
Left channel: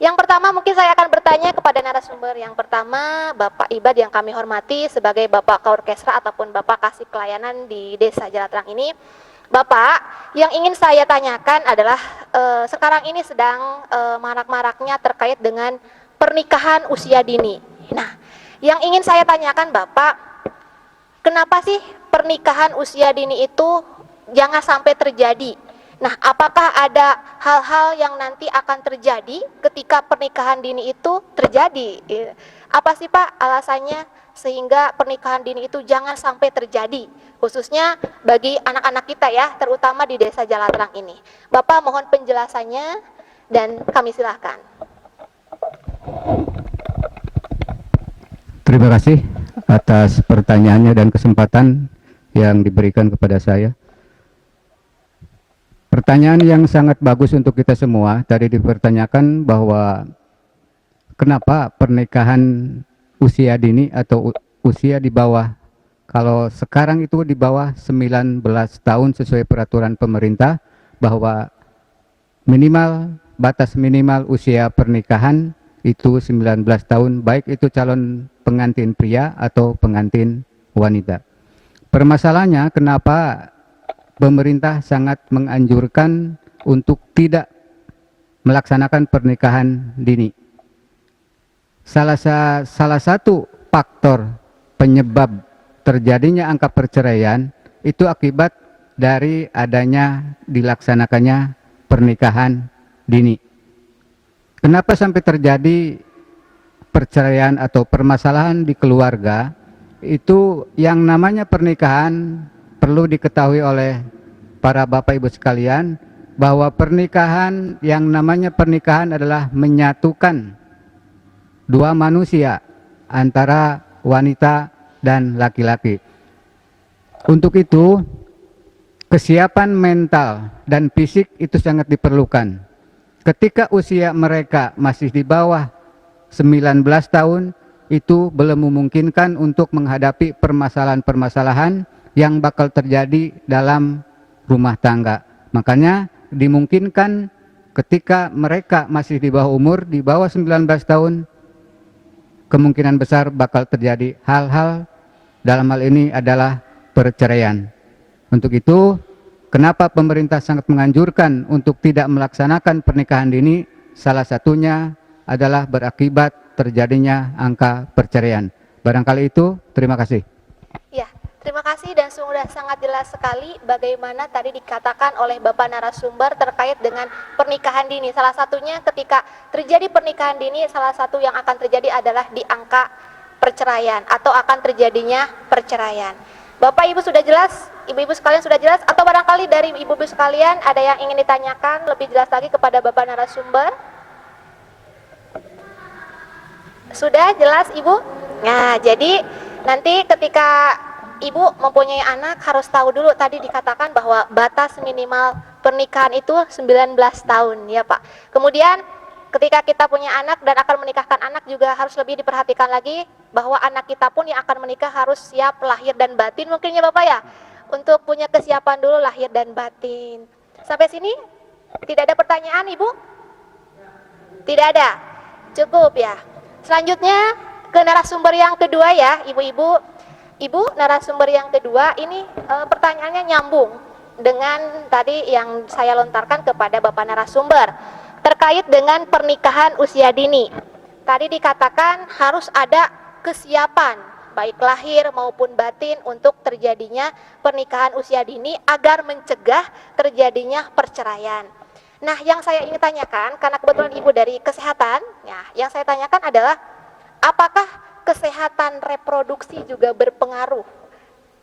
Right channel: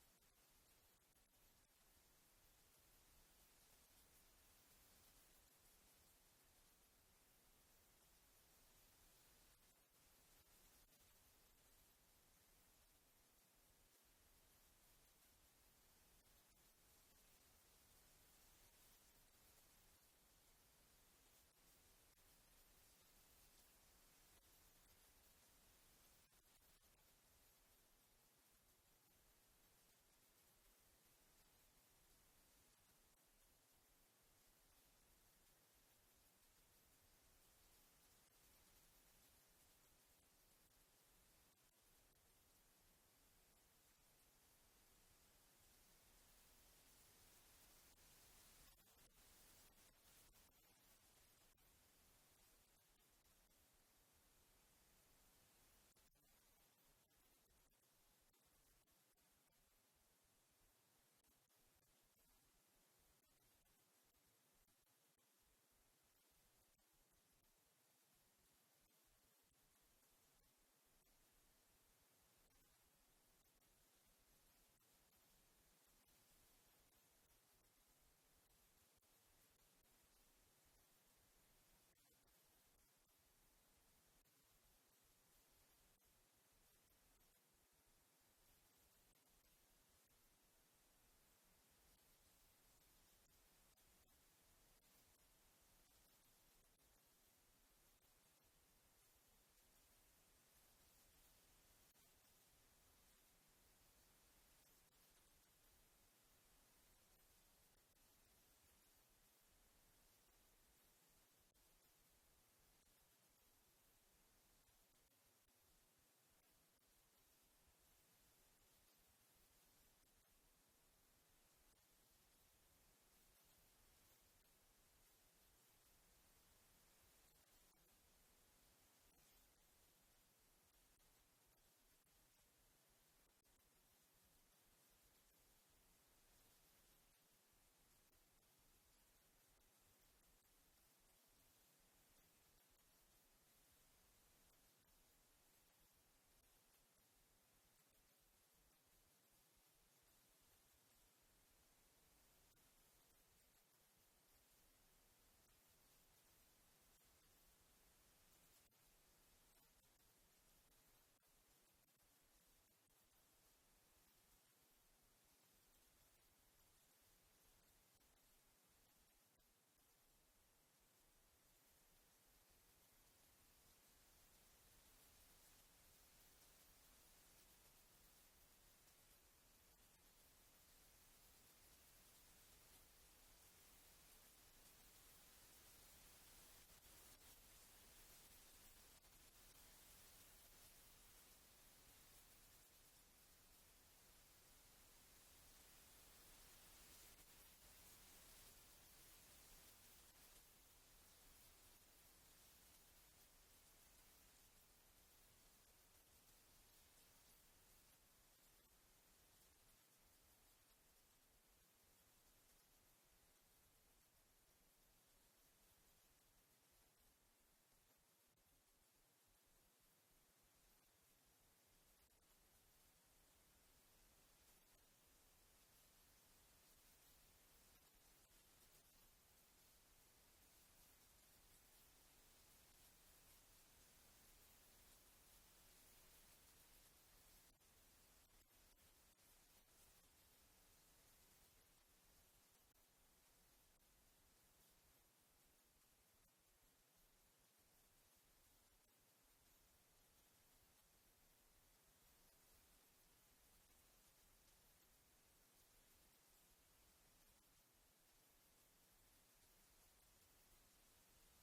Yang pertama mungkin saya akan bertanya kepada narasumber yang pertama, Bapak Ibad yang kami hormati sebagai Bapak Kaorkestra ataupun Bapak Kasih Pelayanan di Desa Jalatrang ini. Bapak, yang ingin saya tanyakan adalah sekarang ini sedang marak-maraknya terkait dengan pernikahan usia dini. Nah, yang ingin saya tanyakan Bapak, kenapa sih pernikahan usia dini itu jangan sampai terjadi? Nah, apakah ada hal-hal yang nanti akan terjadi ketika pernikahan dini itu terjadi? Apa sih Pak alasannya sehingga pernikahan dini itu jangan sampai terjadi? Khususnya bagi anak-anak kita ya, terutama di Desa Jalatrang ini. Bapak mohon penjelasannya dan kami silahkan. Terima kasih atas pertanyaannya dan kesempatan yang diberikan kepada saya. Pertanyaan yang sangat bagus untuk kita semua. Tadi dipertanyakan bahwa kenapa pernikahan usia dini atau usia di bawah, kalau sekarang itu di bawah 19 tahun sesuai peraturan pemerintah, bahwa batas minimal usia pernikahan itu 19 tahun, baik itu calon pengantin pria atau pengantin wanita. Permasalahannya kenapa pemerintah sangat menganjurkan untuk tidak melaksanakan pernikahan dini. Salah satu faktor penyebab terjadinya angka perceraian itu akibat dari adanya dilaksanakannya pernikahan dini. Kenapa sampai terjadi perceraian atau permasalahan di keluarga? Itu yang namanya pernikahan perlu diketahui oleh para bapak ibu sekalian bahwa pernikahan, yang namanya pernikahan adalah menyatukan dua manusia antara wanita dan laki-laki. Untuk itu kesiapan mental dan fisik itu sangat diperlukan. Ketika usia mereka masih di bawah 19 tahun, itu belum memungkinkan untuk menghadapi permasalahan-permasalahan yang bakal terjadi dalam rumah tangga. Makanya dimungkinkan ketika mereka masih di bawah umur, di bawah 19 tahun, kemungkinan besar bakal terjadi hal-hal, dalam hal ini adalah perceraian. Untuk itu, kenapa pemerintah sangat menganjurkan untuk tidak melaksanakan pernikahan dini? Salah satunya adalah berakibat terjadinya angka perceraian. Barangkali itu, terima kasih. Ya, terima kasih dan sudah sangat jelas sekali bagaimana tadi dikatakan oleh Bapak narasumber terkait dengan pernikahan dini. Salah satunya ketika terjadi pernikahan dini, salah satu yang akan terjadi adalah di angka perceraian atau akan terjadinya perceraian. Bapak Ibu sudah jelas, Ibu-ibu sekalian sudah jelas, atau barangkali dari Ibu-ibu sekalian ada yang ingin ditanyakan lebih jelas lagi kepada Bapak narasumber? Sudah jelas Ibu? Nah, jadi nanti ketika Ibu mempunyai anak harus tahu dulu, tadi dikatakan bahwa batas minimal pernikahan itu 19 tahun ya Pak. Kemudian ketika kita punya anak dan akan menikahkan anak juga harus lebih diperhatikan lagi bahwa anak kita pun yang akan menikah harus siap lahir dan batin mungkin ya Bapak ya. Untuk punya kesiapan dulu lahir dan batin. Sampai sini tidak ada pertanyaan Ibu? Tidak ada? Cukup ya. Selanjutnya ke narasumber yang kedua ya Ibu-ibu. Ibu narasumber yang kedua ini pertanyaannya nyambung dengan tadi yang saya lontarkan kepada Bapak narasumber terkait dengan pernikahan usia dini. Tadi dikatakan harus ada kesiapan baik lahir maupun batin untuk terjadinya pernikahan usia dini agar mencegah terjadinya perceraian. Nah, yang saya ingin tanyakan, karena kebetulan Ibu dari kesehatan, ya, yang saya tanyakan adalah apakah kesehatan reproduksi juga berpengaruh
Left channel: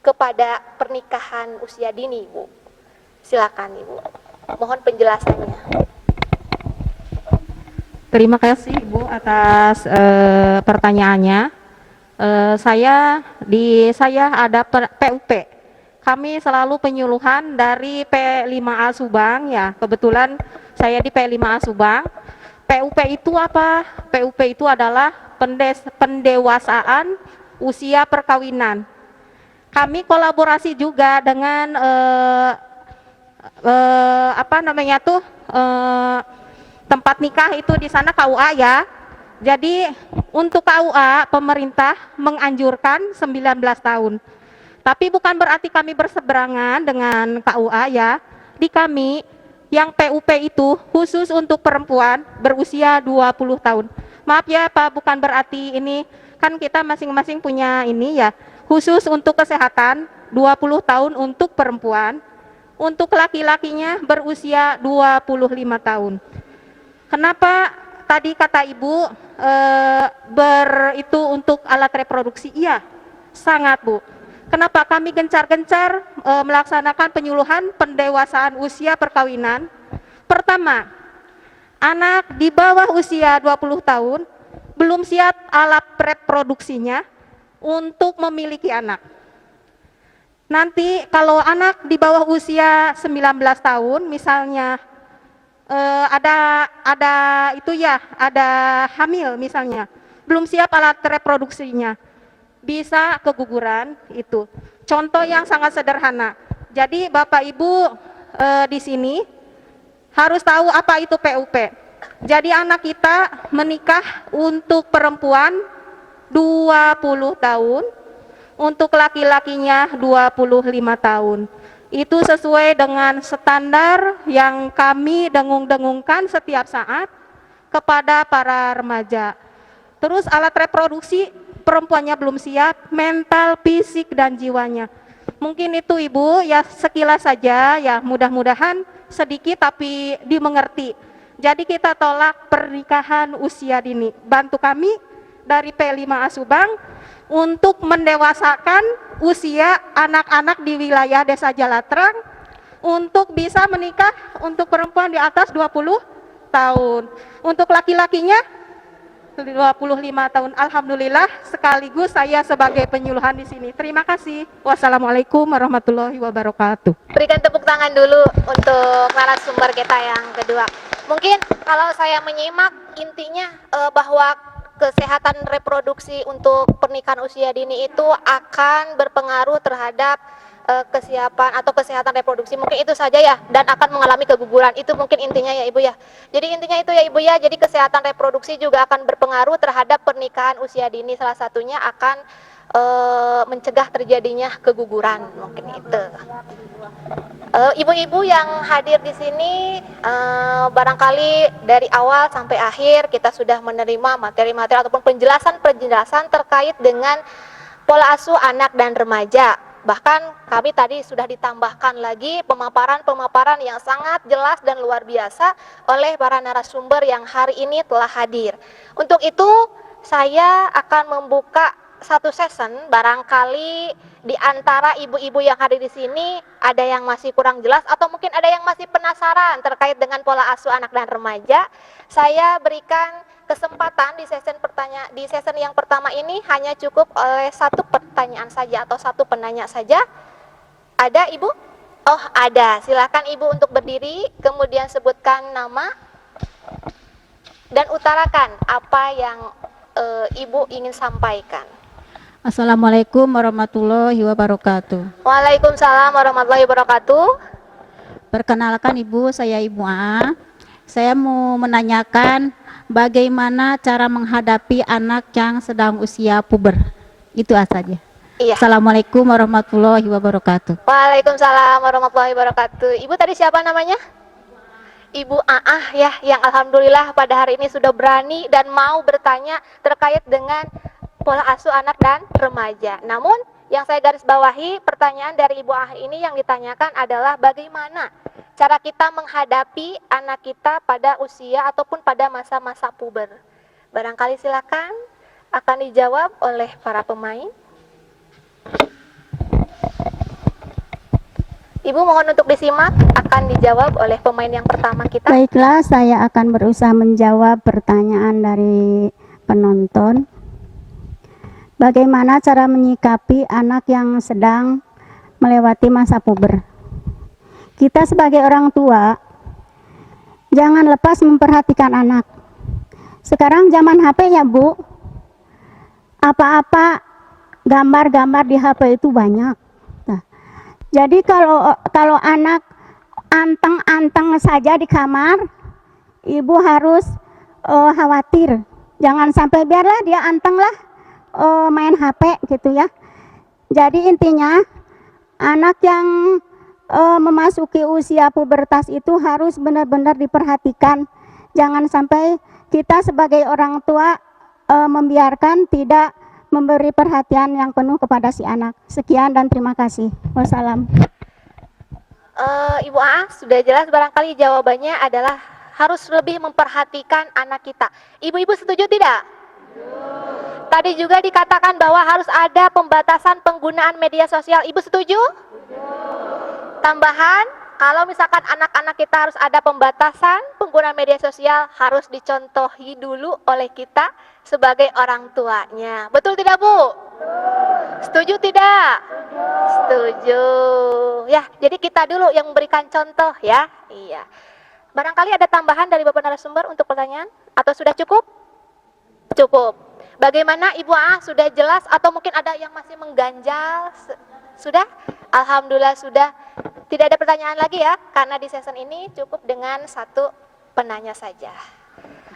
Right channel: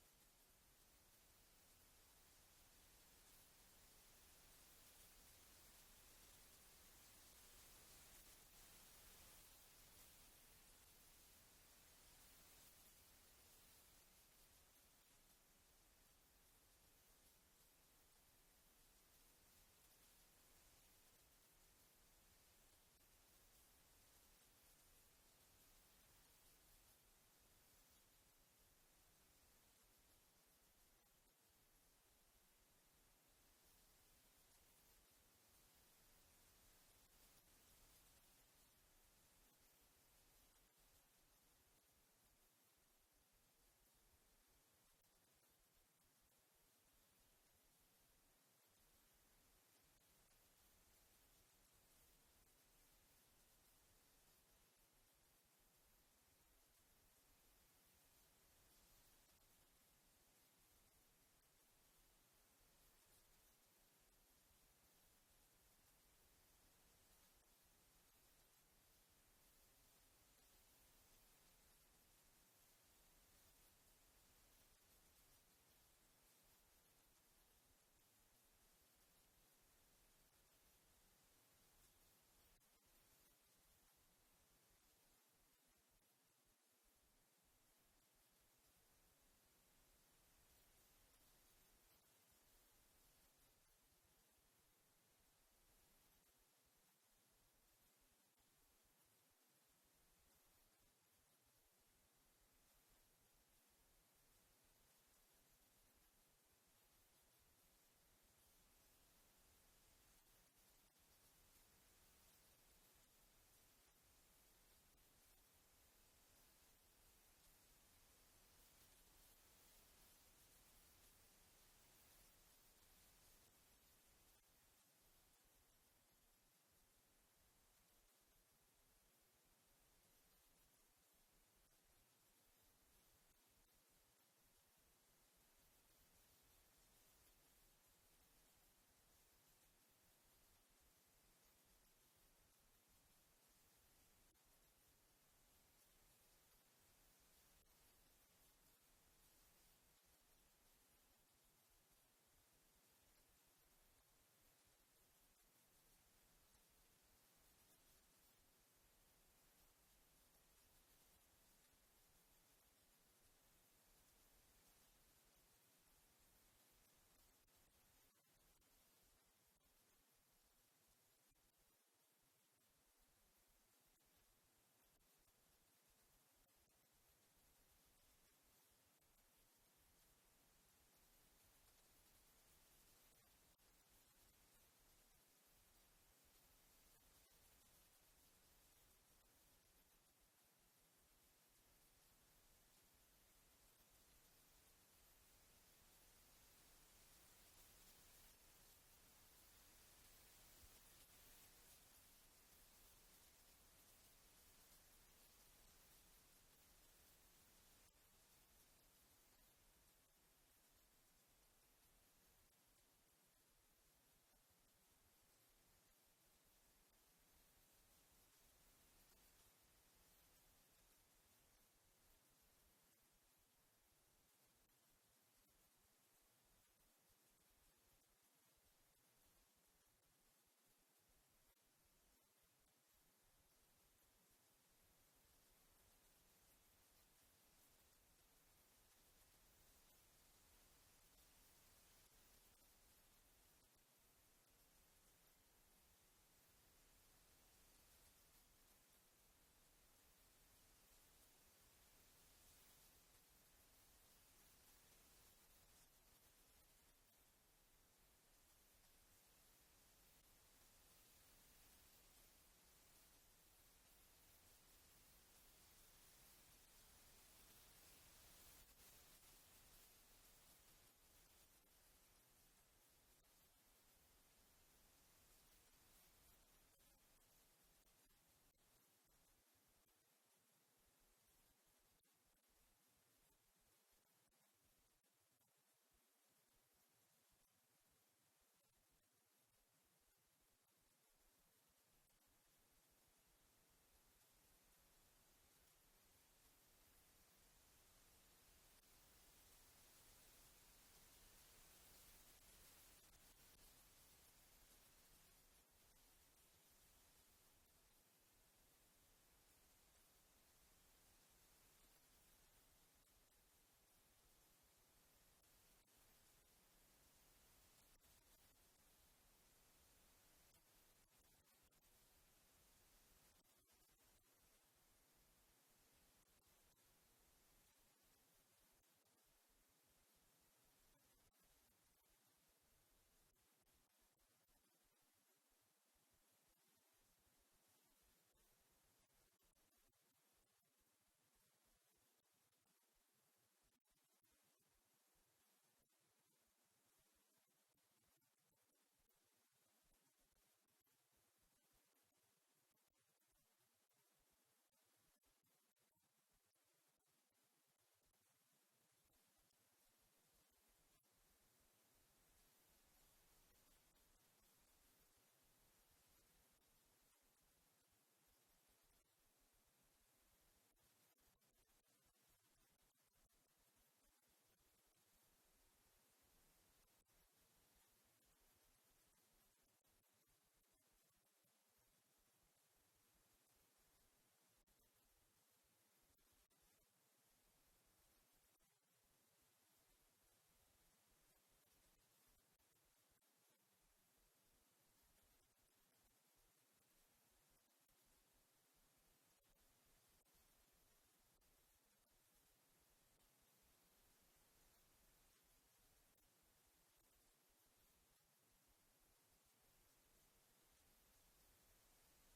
kepada pernikahan usia dini, Ibu? Silakan, Ibu. Mohon penjelasannya. Terima kasih Ibu atas pertanyaannya. Saya ada PUP. Kami selalu penyuluhan dari P5A Subang ya. Kebetulan saya di P5A Subang. PUP itu apa? PUP itu adalah pendewasaan usia perkawinan. Kami kolaborasi juga dengan tempat nikah itu di sana KUA ya. Jadi untuk KUA pemerintah menganjurkan 19 tahun. Tapi bukan berarti kami berseberangan dengan KUA ya. Di kami yang PUP itu khusus untuk perempuan berusia 20 tahun. Maaf ya Pak, bukan berarti ini kan kita masing-masing punya ini ya. Khusus untuk kesehatan 20 tahun untuk perempuan. Untuk laki-lakinya berusia 25 tahun. Kenapa tadi kata Ibu itu untuk alat reproduksi? Iya, sangat Bu. Kenapa kami gencar-gencar melaksanakan penyuluhan pendewasaan usia perkawinan? Pertama, anak di bawah usia 20 tahun belum siap alat reproduksinya untuk memiliki anak. Nanti kalau anak di bawah usia 19 tahun misalnya ada hamil misalnya, belum siap alat reproduksinya, bisa keguguran itu. Contoh yang sangat sederhana. Jadi Bapak Ibu di sini harus tahu apa itu PUP. Jadi anak kita menikah untuk perempuan 20 tahun, untuk laki-lakinya 25 tahun. Itu sesuai dengan standar yang kami dengung-dengungkan setiap saat kepada para remaja. Terus alat reproduksi perempuannya belum siap, mental, fisik, dan jiwanya. Mungkin itu Ibu ya sekilas saja ya, mudah-mudahan sedikit tapi dimengerti. Jadi kita tolak pernikahan usia dini. Bantu kami dari P5A Subang untuk mendewasakan usia anak-anak di wilayah Desa Jalatrang untuk bisa menikah untuk perempuan di atas 20 tahun. Untuk laki-lakinya 25 tahun. Alhamdulillah sekaligus saya sebagai penyuluhan di sini. Terima kasih. Wassalamualaikum warahmatullahi wabarakatuh. Berikan tepuk tangan dulu untuk narasumber kita yang kedua. Mungkin kalau saya menyimak intinya bahwa kesehatan reproduksi untuk pernikahan usia dini itu akan berpengaruh terhadap kesiapan atau kesehatan reproduksi, mungkin itu saja ya, dan akan mengalami keguguran. Itu mungkin intinya ya Ibu ya. Jadi intinya itu ya Ibu ya, jadi kesehatan reproduksi juga akan berpengaruh terhadap pernikahan usia dini, salah satunya akan mencegah terjadinya keguguran, mungkin itu. Ibu-ibu yang hadir di sini, barangkali dari awal sampai akhir kita sudah menerima materi-materi ataupun penjelasan-penjelasan terkait dengan pola asuh anak dan remaja. Bahkan kami tadi sudah ditambahkan lagi pemaparan-pemaparan yang sangat jelas dan luar biasa oleh para narasumber yang hari ini telah hadir. Untuk itu saya akan membuka satu session, barangkali di antara ibu-ibu yang hadir di sini ada yang masih kurang jelas atau mungkin ada yang masih penasaran terkait dengan pola asuh anak dan remaja. Saya berikan kesempatan di session yang pertama ini hanya cukup oleh satu pertanyaan saja atau satu penanya saja. Ada Ibu? Oh, ada. Silakan Ibu untuk berdiri, kemudian sebutkan nama dan utarakan apa yang Ibu ingin sampaikan. Assalamualaikum warahmatullahi wabarakatuh. Waalaikumsalam warahmatullahi wabarakatuh. Perkenalkan Ibu, saya Ibu A. Saya mau menanyakan bagaimana cara menghadapi anak yang sedang usia puber. Itu saja. Iya. Assalamualaikum warahmatullahi wabarakatuh. Waalaikumsalam warahmatullahi wabarakatuh. Ibu tadi siapa namanya? Ibu Aah ya, yang alhamdulillah pada hari ini sudah berani dan mau bertanya terkait dengan pola asuh anak dan remaja. Namun yang saya garis bawahi, pertanyaan dari Ibu Ah ini yang ditanyakan adalah bagaimana cara kita menghadapi anak kita pada usia ataupun pada masa-masa puber. Barangkali silakan akan dijawab oleh para pemain. Ibu mohon untuk disimak, akan dijawab oleh pemain yang pertama kita. Baiklah, saya akan berusaha menjawab pertanyaan dari penonton. Bagaimana cara menyikapi anak yang sedang melewati masa puber? Kita sebagai orang tua, jangan lepas memperhatikan anak. Sekarang zaman HP ya Bu, apa-apa gambar-gambar di HP itu banyak. Nah, jadi kalau anak anteng-anteng saja di kamar, ibu harus khawatir. Jangan sampai biarlah dia anteng lah main HP gitu ya. Jadi intinya anak yang memasuki usia pubertas itu harus benar-benar diperhatikan. Jangan sampai kita sebagai orang tua membiarkan, tidak memberi perhatian yang penuh kepada si anak. Sekian dan terima kasih. Wassalam. Ibu A sudah jelas, barangkali jawabannya adalah harus lebih memperhatikan anak kita. Ibu-ibu setuju tidak? Tadi juga dikatakan bahwa harus ada pembatasan penggunaan media sosial. Ibu setuju? Tambahan, kalau misalkan anak-anak kita harus ada pembatasan penggunaan media sosial, harus dicontohi dulu oleh kita sebagai orang tuanya. Betul tidak, Bu? Setuju tidak? Setuju. Ya, jadi kita dulu yang memberikan contoh ya. Iya. Barangkali ada tambahan dari Bapak narasumber untuk pertanyaan? Atau sudah cukup? Cukup. Bagaimana Ibu A, sudah jelas atau mungkin ada yang masih mengganjal? Sudah? Alhamdulillah sudah. Tidak ada pertanyaan lagi ya, karena di season ini cukup dengan satu penanya saja.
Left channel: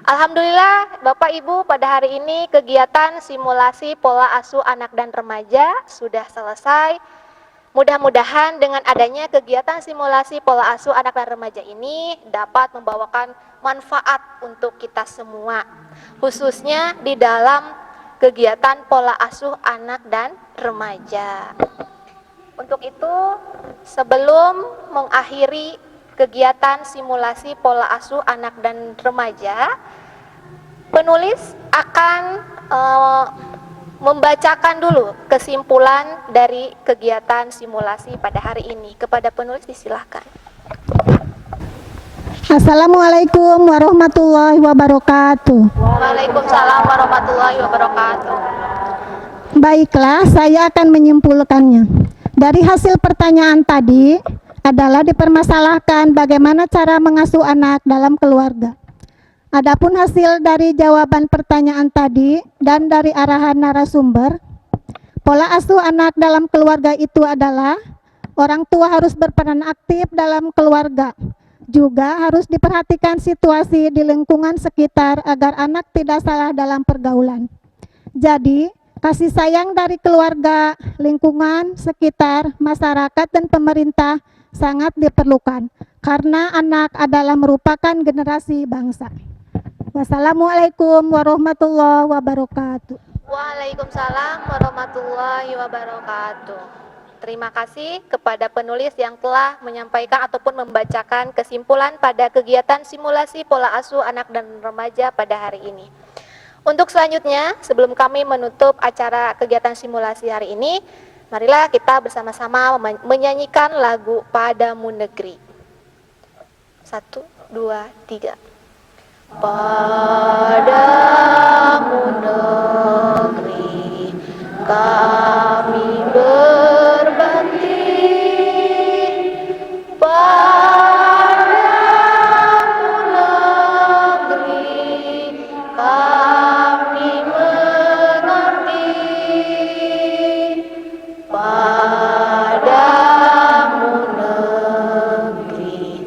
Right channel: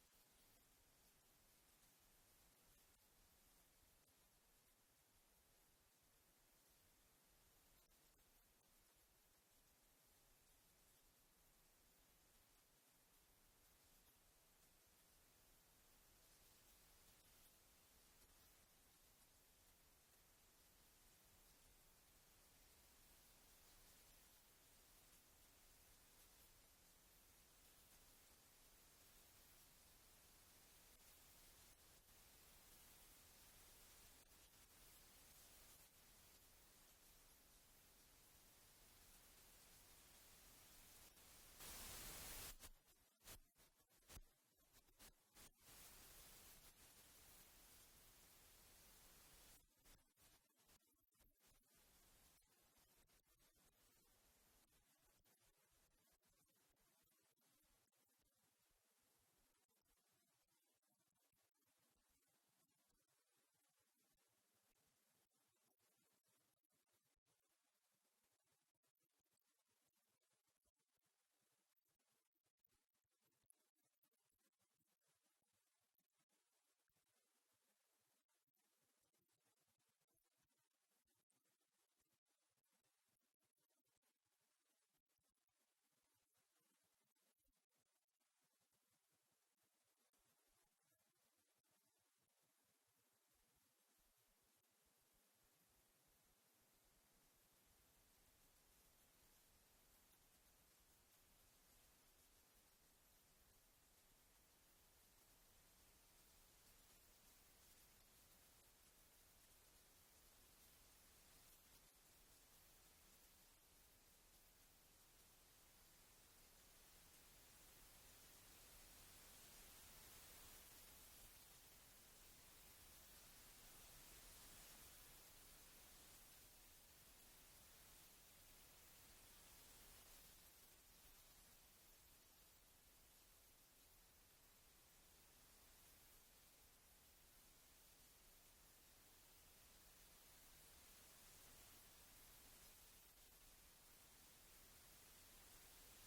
Alhamdulillah Bapak Ibu, pada hari ini kegiatan simulasi pola asuh anak dan remaja sudah selesai. Mudah-mudahan dengan adanya kegiatan simulasi pola asuh anak dan remaja ini dapat membawakan manfaat untuk kita semua, khususnya di dalam kegiatan pola asuh anak dan remaja. Untuk itu, sebelum mengakhiri kegiatan simulasi pola asuh anak dan remaja, penulis akan membacakan dulu kesimpulan dari kegiatan simulasi pada hari ini. Kepada penulis disilahkan. Assalamualaikum warahmatullahi wabarakatuh. Waalaikumsalam warahmatullahi wabarakatuh. Baiklah, saya akan menyimpulkannya. Dari hasil pertanyaan tadi adalah dipermasalahkan bagaimana cara mengasuh anak dalam keluarga. Adapun hasil dari jawaban pertanyaan tadi dan dari arahan narasumber, pola asuh anak dalam keluarga itu adalah orang tua harus berperan aktif dalam keluarga. Juga harus diperhatikan situasi di lingkungan sekitar agar anak tidak salah dalam pergaulan. Jadi, kasih sayang dari keluarga, lingkungan sekitar, masyarakat, dan pemerintah sangat diperlukan karena anak adalah merupakan generasi bangsa. Wassalamualaikum warahmatullahi wabarakatuh. Waalaikumsalam warahmatullahi wabarakatuh. Terima kasih kepada penulis yang telah menyampaikan ataupun membacakan kesimpulan pada kegiatan simulasi pola asuh anak dan remaja pada hari ini. Untuk selanjutnya, sebelum kami menutup acara kegiatan simulasi hari ini, marilah kita bersama-sama menyanyikan lagu Padamu Negeri. 1, 2, 3. Padamu negeri kami berbakti, padamu negeri kami mengabdi, padamu negeri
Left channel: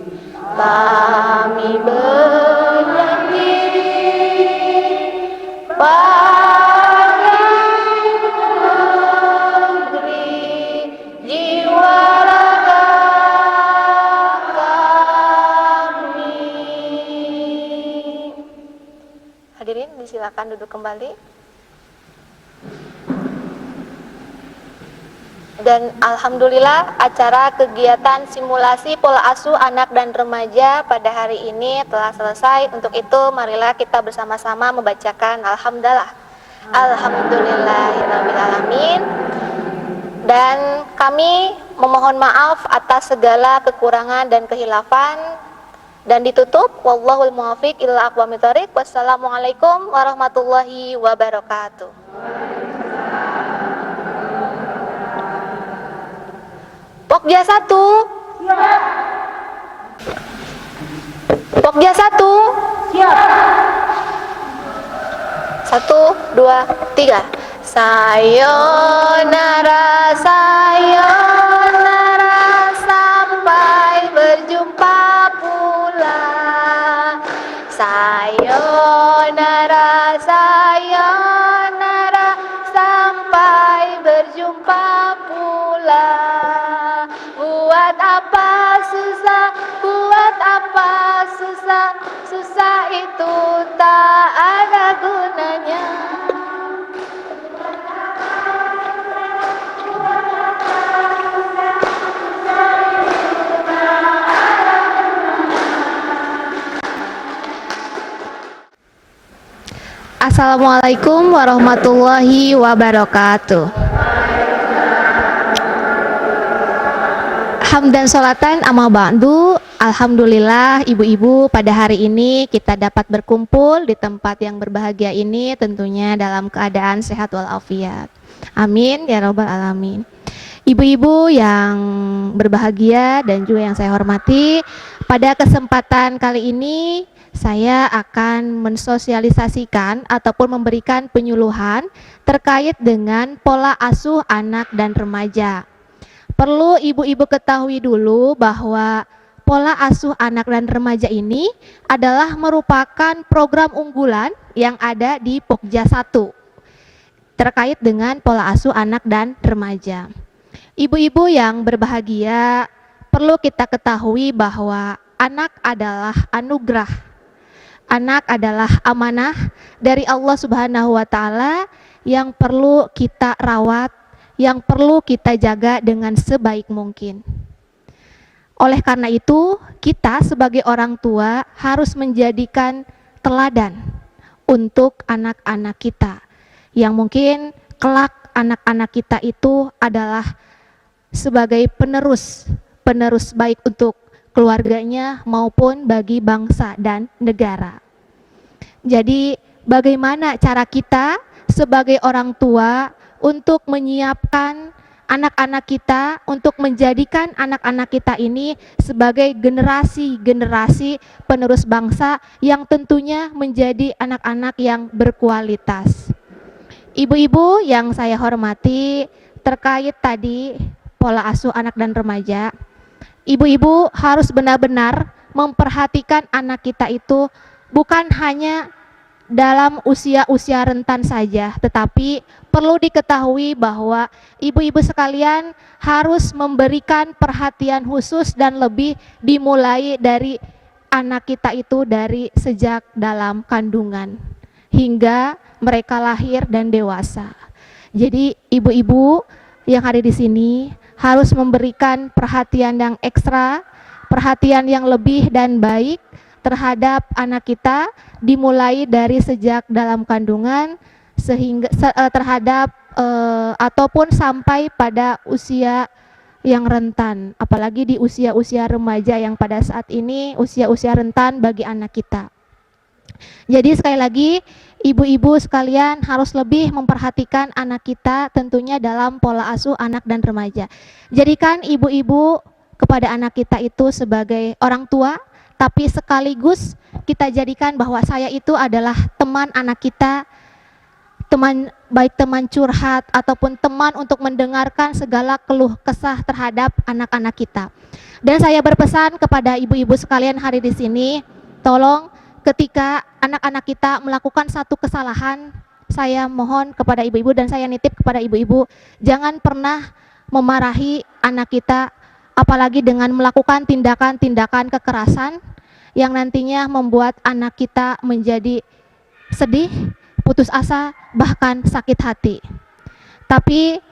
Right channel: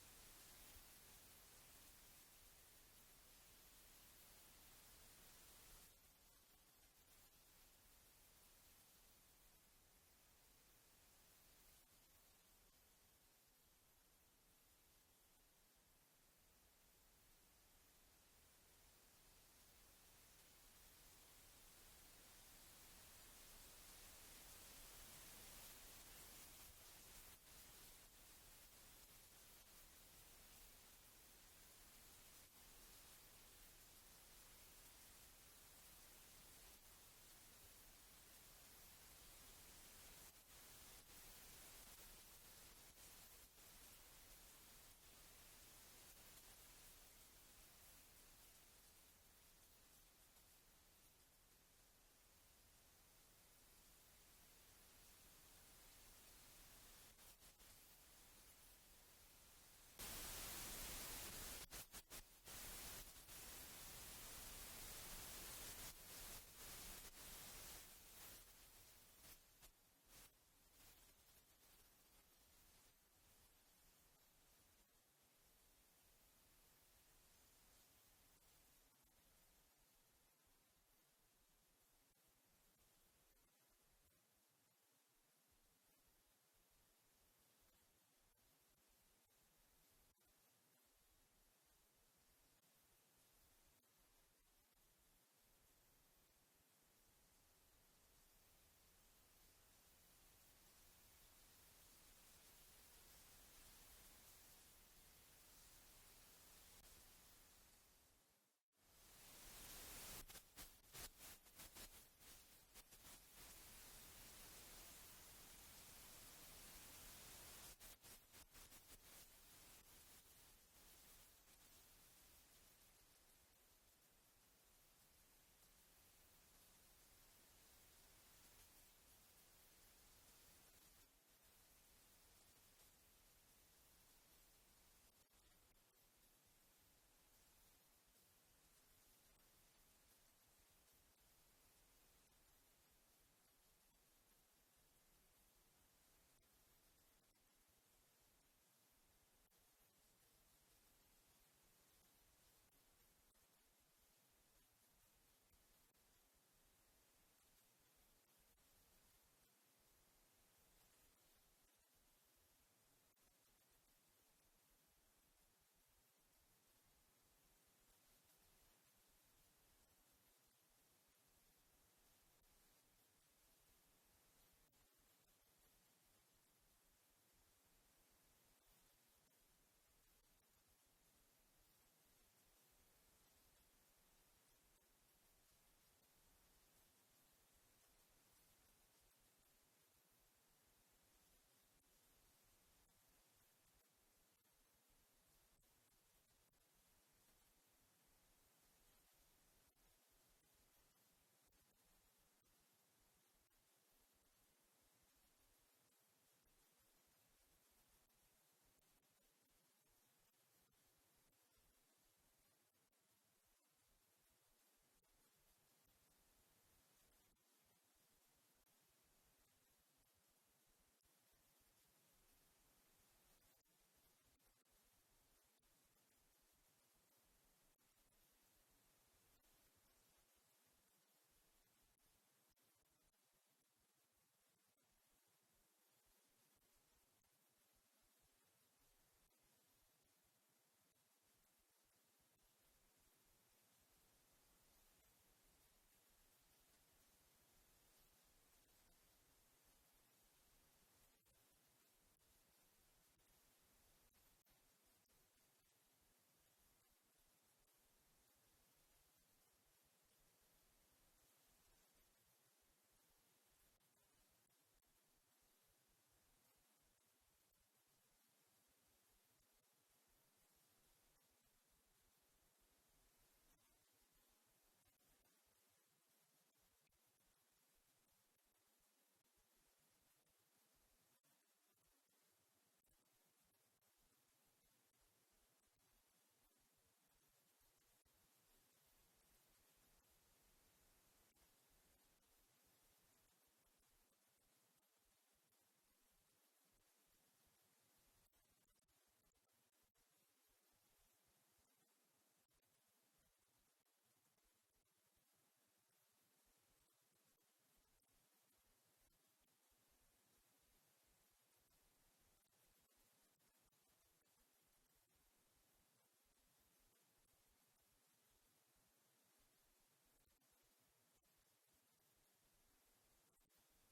kami Hadirin, disilakan duduk kembali. Dan alhamdulillah acara kegiatan simulasi pola asuh anak dan remaja pada hari ini telah selesai. Untuk itu marilah kita bersama-sama membacakan alhamdulillah. Alhamdulillahirabbil alamin. Dan kami memohon maaf atas segala kekurangan dan kehilafan, dan ditutup wallahul muwaffiq ila aqwamit thoriq. Wassalamualaikum warahmatullahi wabarakatuh. Pokja 1. Pokja 1. Siap. 1, 2, 3. Sayonara, sayonara, sampai berjumpa pula. Sayonara, sayonara, sampai berjumpa pula. Buat apa susah, buat apa susah, susah itu tak ada gunanya. Assalamualaikum warahmatullahi wabarakatuh. Hamdan sholatan amma ba'du. Alhamdulillah ibu-ibu, pada hari ini kita dapat berkumpul di tempat yang berbahagia ini tentunya dalam keadaan sehat walafiat. Amin ya rabbal alamin. Ibu-ibu yang berbahagia dan juga yang saya hormati, pada kesempatan kali ini saya akan mensosialisasikan ataupun memberikan penyuluhan terkait dengan pola asuh anak dan remaja. Perlu ibu-ibu ketahui dulu bahwa pola asuh anak dan remaja ini adalah merupakan program unggulan yang ada di Pokja 1 terkait dengan pola asuh anak dan remaja. Ibu-ibu yang berbahagia, perlu kita ketahui bahwa anak adalah anugerah. Anak adalah amanah dari Allah Subhanahu wa taala yang perlu kita rawat, yang perlu kita jaga dengan sebaik mungkin. Oleh karena itu, kita sebagai orang tua harus menjadikan teladan untuk anak-anak kita, yang mungkin kelak anak-anak kita itu adalah sebagai penerus baik untuk keluarganya maupun bagi bangsa dan negara. Jadi bagaimana cara kita sebagai orang tua untuk menyiapkan anak-anak kita, untuk menjadikan anak-anak kita ini sebagai generasi penerus bangsa yang tentunya menjadi anak-anak yang berkualitas. Ibu-ibu yang saya hormati, terkait tadi pola asuh anak dan remaja, ibu-ibu harus benar-benar memperhatikan anak kita itu bukan hanya dalam usia-usia rentan saja, tetapi perlu diketahui bahwa ibu-ibu sekalian harus memberikan perhatian khusus dan lebih dimulai dari anak kita itu dari sejak dalam kandungan hingga mereka lahir dan dewasa. Jadi ibu-ibu yang ada di sini harus memberikan perhatian yang ekstra, perhatian yang lebih dan baik terhadap anak kita, dimulai dari sejak dalam kandungan sehingga terhadap ataupun sampai pada usia yang rentan, apalagi di usia-usia remaja yang pada saat ini usia-usia rentan bagi anak kita. Jadi sekali lagi ibu-ibu sekalian harus lebih memperhatikan anak kita tentunya dalam pola asuh anak dan remaja. Jadikan ibu-ibu kepada anak kita itu sebagai orang tua, tapi sekaligus kita jadikan bahwa saya itu adalah teman anak kita, teman baik teman curhat ataupun teman untuk mendengarkan segala keluh kesah terhadap anak-anak kita. Dan saya berpesan kepada ibu-ibu sekalian hari di sini, tolong ketika anak-anak kita melakukan satu kesalahan, saya mohon kepada ibu-ibu dan saya nitip kepada ibu-ibu, jangan pernah memarahi anak kita, apalagi dengan melakukan tindakan-tindakan kekerasan yang nantinya membuat anak kita menjadi sedih, putus asa, bahkan sakit hati. Tapi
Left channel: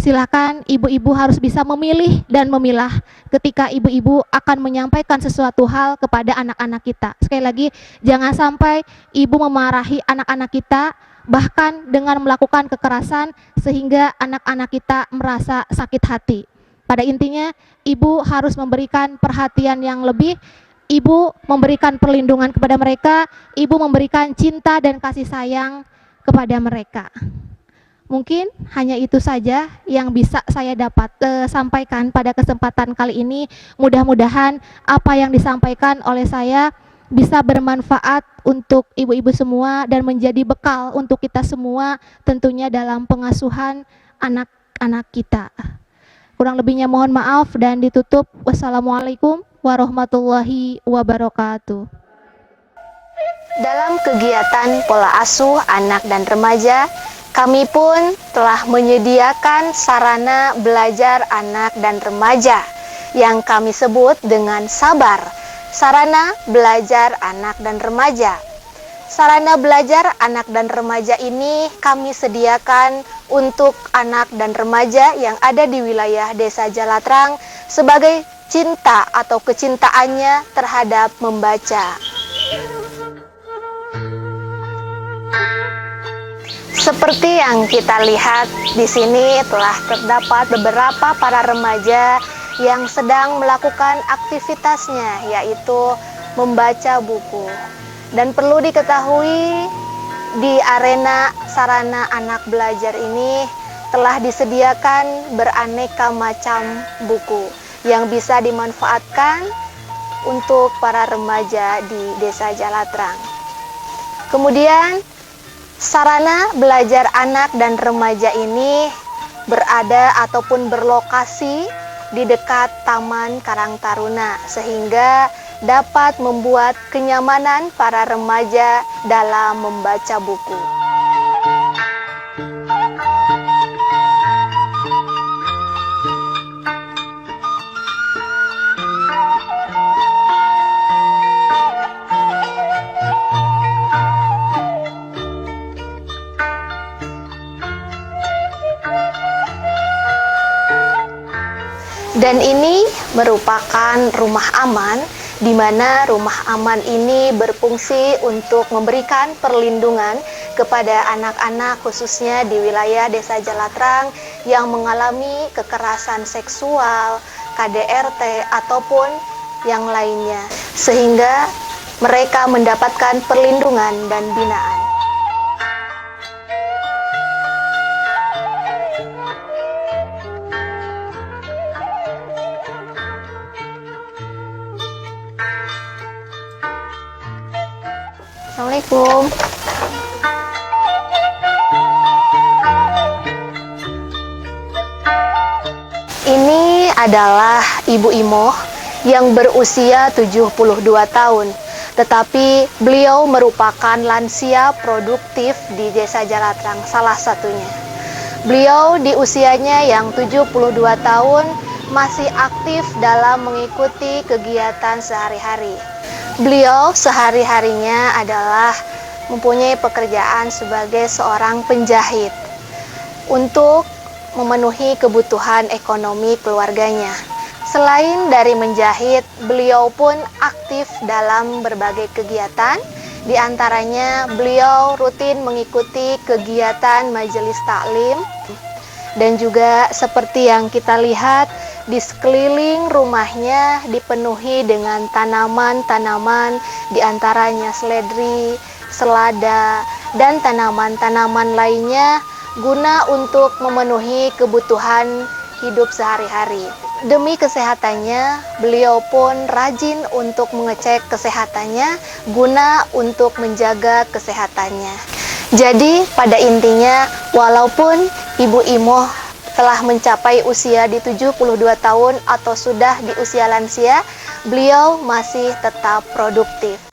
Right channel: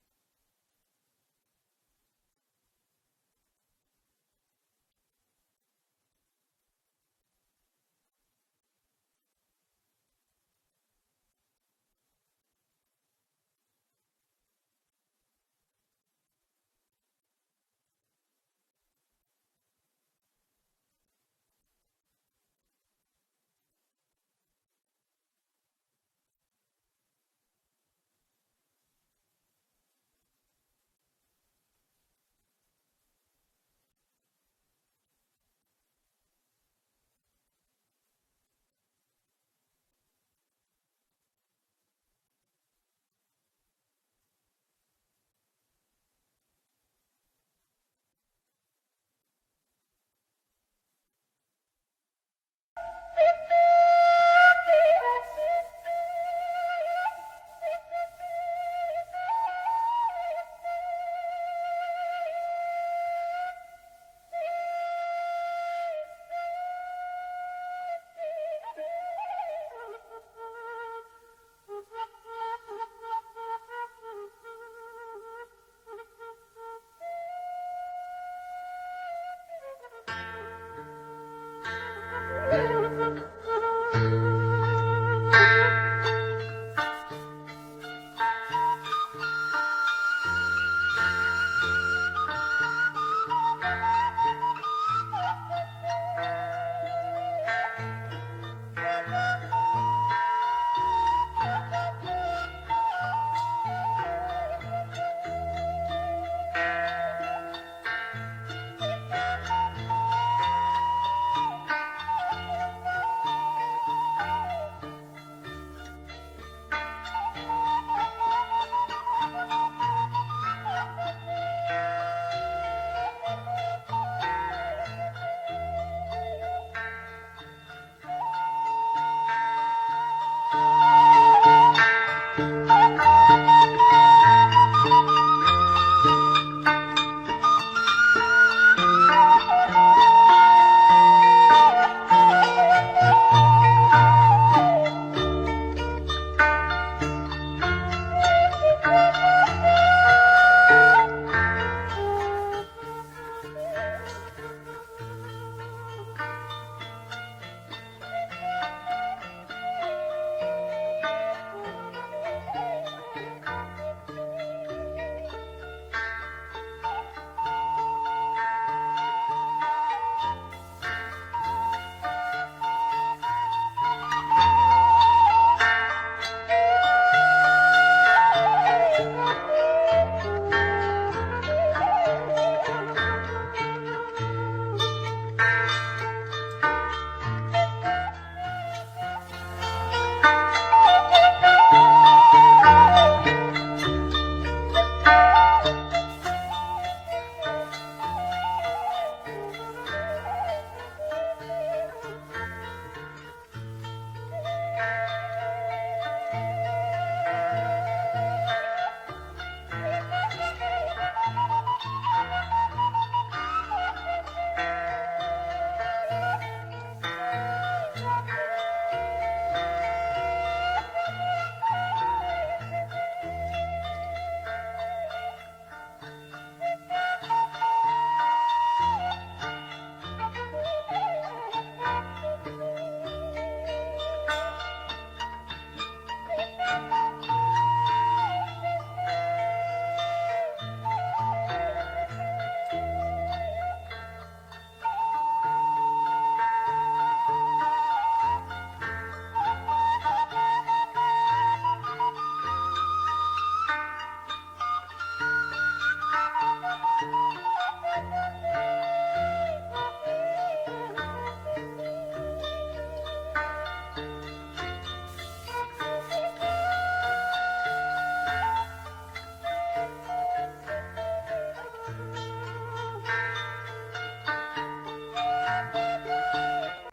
Silakan ibu-ibu harus bisa memilih dan memilah ketika ibu-ibu akan menyampaikan sesuatu hal kepada anak-anak kita. Sekali lagi, jangan sampai ibu memarahi anak-anak kita, bahkan dengan melakukan kekerasan sehingga anak-anak kita merasa sakit hati. Pada intinya, ibu harus memberikan perhatian yang lebih, ibu memberikan perlindungan kepada mereka, ibu memberikan cinta dan kasih sayang kepada mereka. Mungkin hanya itu saja yang bisa saya dapat sampaikan pada kesempatan kali ini. Mudah-mudahan apa yang disampaikan oleh saya bisa bermanfaat untuk ibu-ibu semua dan menjadi bekal untuk kita semua tentunya dalam pengasuhan anak-anak kita. Kurang lebihnya mohon maaf dan ditutup. Wassalamualaikum warahmatullahi wabarakatuh. Dalam kegiatan pola asuh anak dan remaja, kami pun telah menyediakan sarana belajar anak dan remaja yang kami sebut dengan Sabar, sarana belajar anak dan remaja. Sarana belajar anak dan remaja ini kami sediakan untuk anak dan remaja yang ada di wilayah Desa Jalatrang sebagai cinta atau kecintaannya terhadap membaca. Seperti yang kita lihat di sini telah terdapat beberapa para remaja yang sedang melakukan aktivitasnya, yaitu membaca buku. Dan perlu diketahui di arena sarana anak belajar ini telah disediakan beraneka macam buku yang bisa dimanfaatkan untuk para remaja di Desa Jalatrang. Kemudian sarana belajar anak dan remaja ini berada ataupun berlokasi di dekat Taman Karang Taruna sehingga dapat membuat kenyamanan para remaja dalam membaca buku. Dan ini merupakan rumah aman, di mana rumah aman ini berfungsi untuk memberikan perlindungan kepada anak-anak khususnya di wilayah Desa Jalatrang yang mengalami kekerasan seksual, KDRT, ataupun yang lainnya, sehingga mereka mendapatkan perlindungan dan binaan. Assalamualaikum. Ini adalah Ibu Imoh yang berusia 72 tahun, tetapi beliau merupakan lansia produktif di Desa Jalatrang salah satunya. Beliau di usianya yang 72 tahun masih aktif dalam mengikuti kegiatan sehari-hari. Beliau sehari-harinya adalah mempunyai pekerjaan sebagai seorang penjahit untuk memenuhi kebutuhan ekonomi keluarganya. Selain dari menjahit, beliau pun aktif dalam berbagai kegiatan. Di antaranya beliau rutin mengikuti kegiatan majelis taklim, dan juga seperti yang kita lihat di sekeliling rumahnya dipenuhi dengan tanaman-tanaman, di antaranya seledri, selada, dan tanaman-tanaman lainnya guna untuk memenuhi kebutuhan hidup sehari-hari. Demi kesehatannya, beliau pun rajin untuk mengecek kesehatannya guna untuk menjaga kesehatannya. Jadi pada intinya, walaupun Ibu Imoh telah mencapai usia di 72 tahun atau sudah di usia lansia, beliau masih tetap produktif.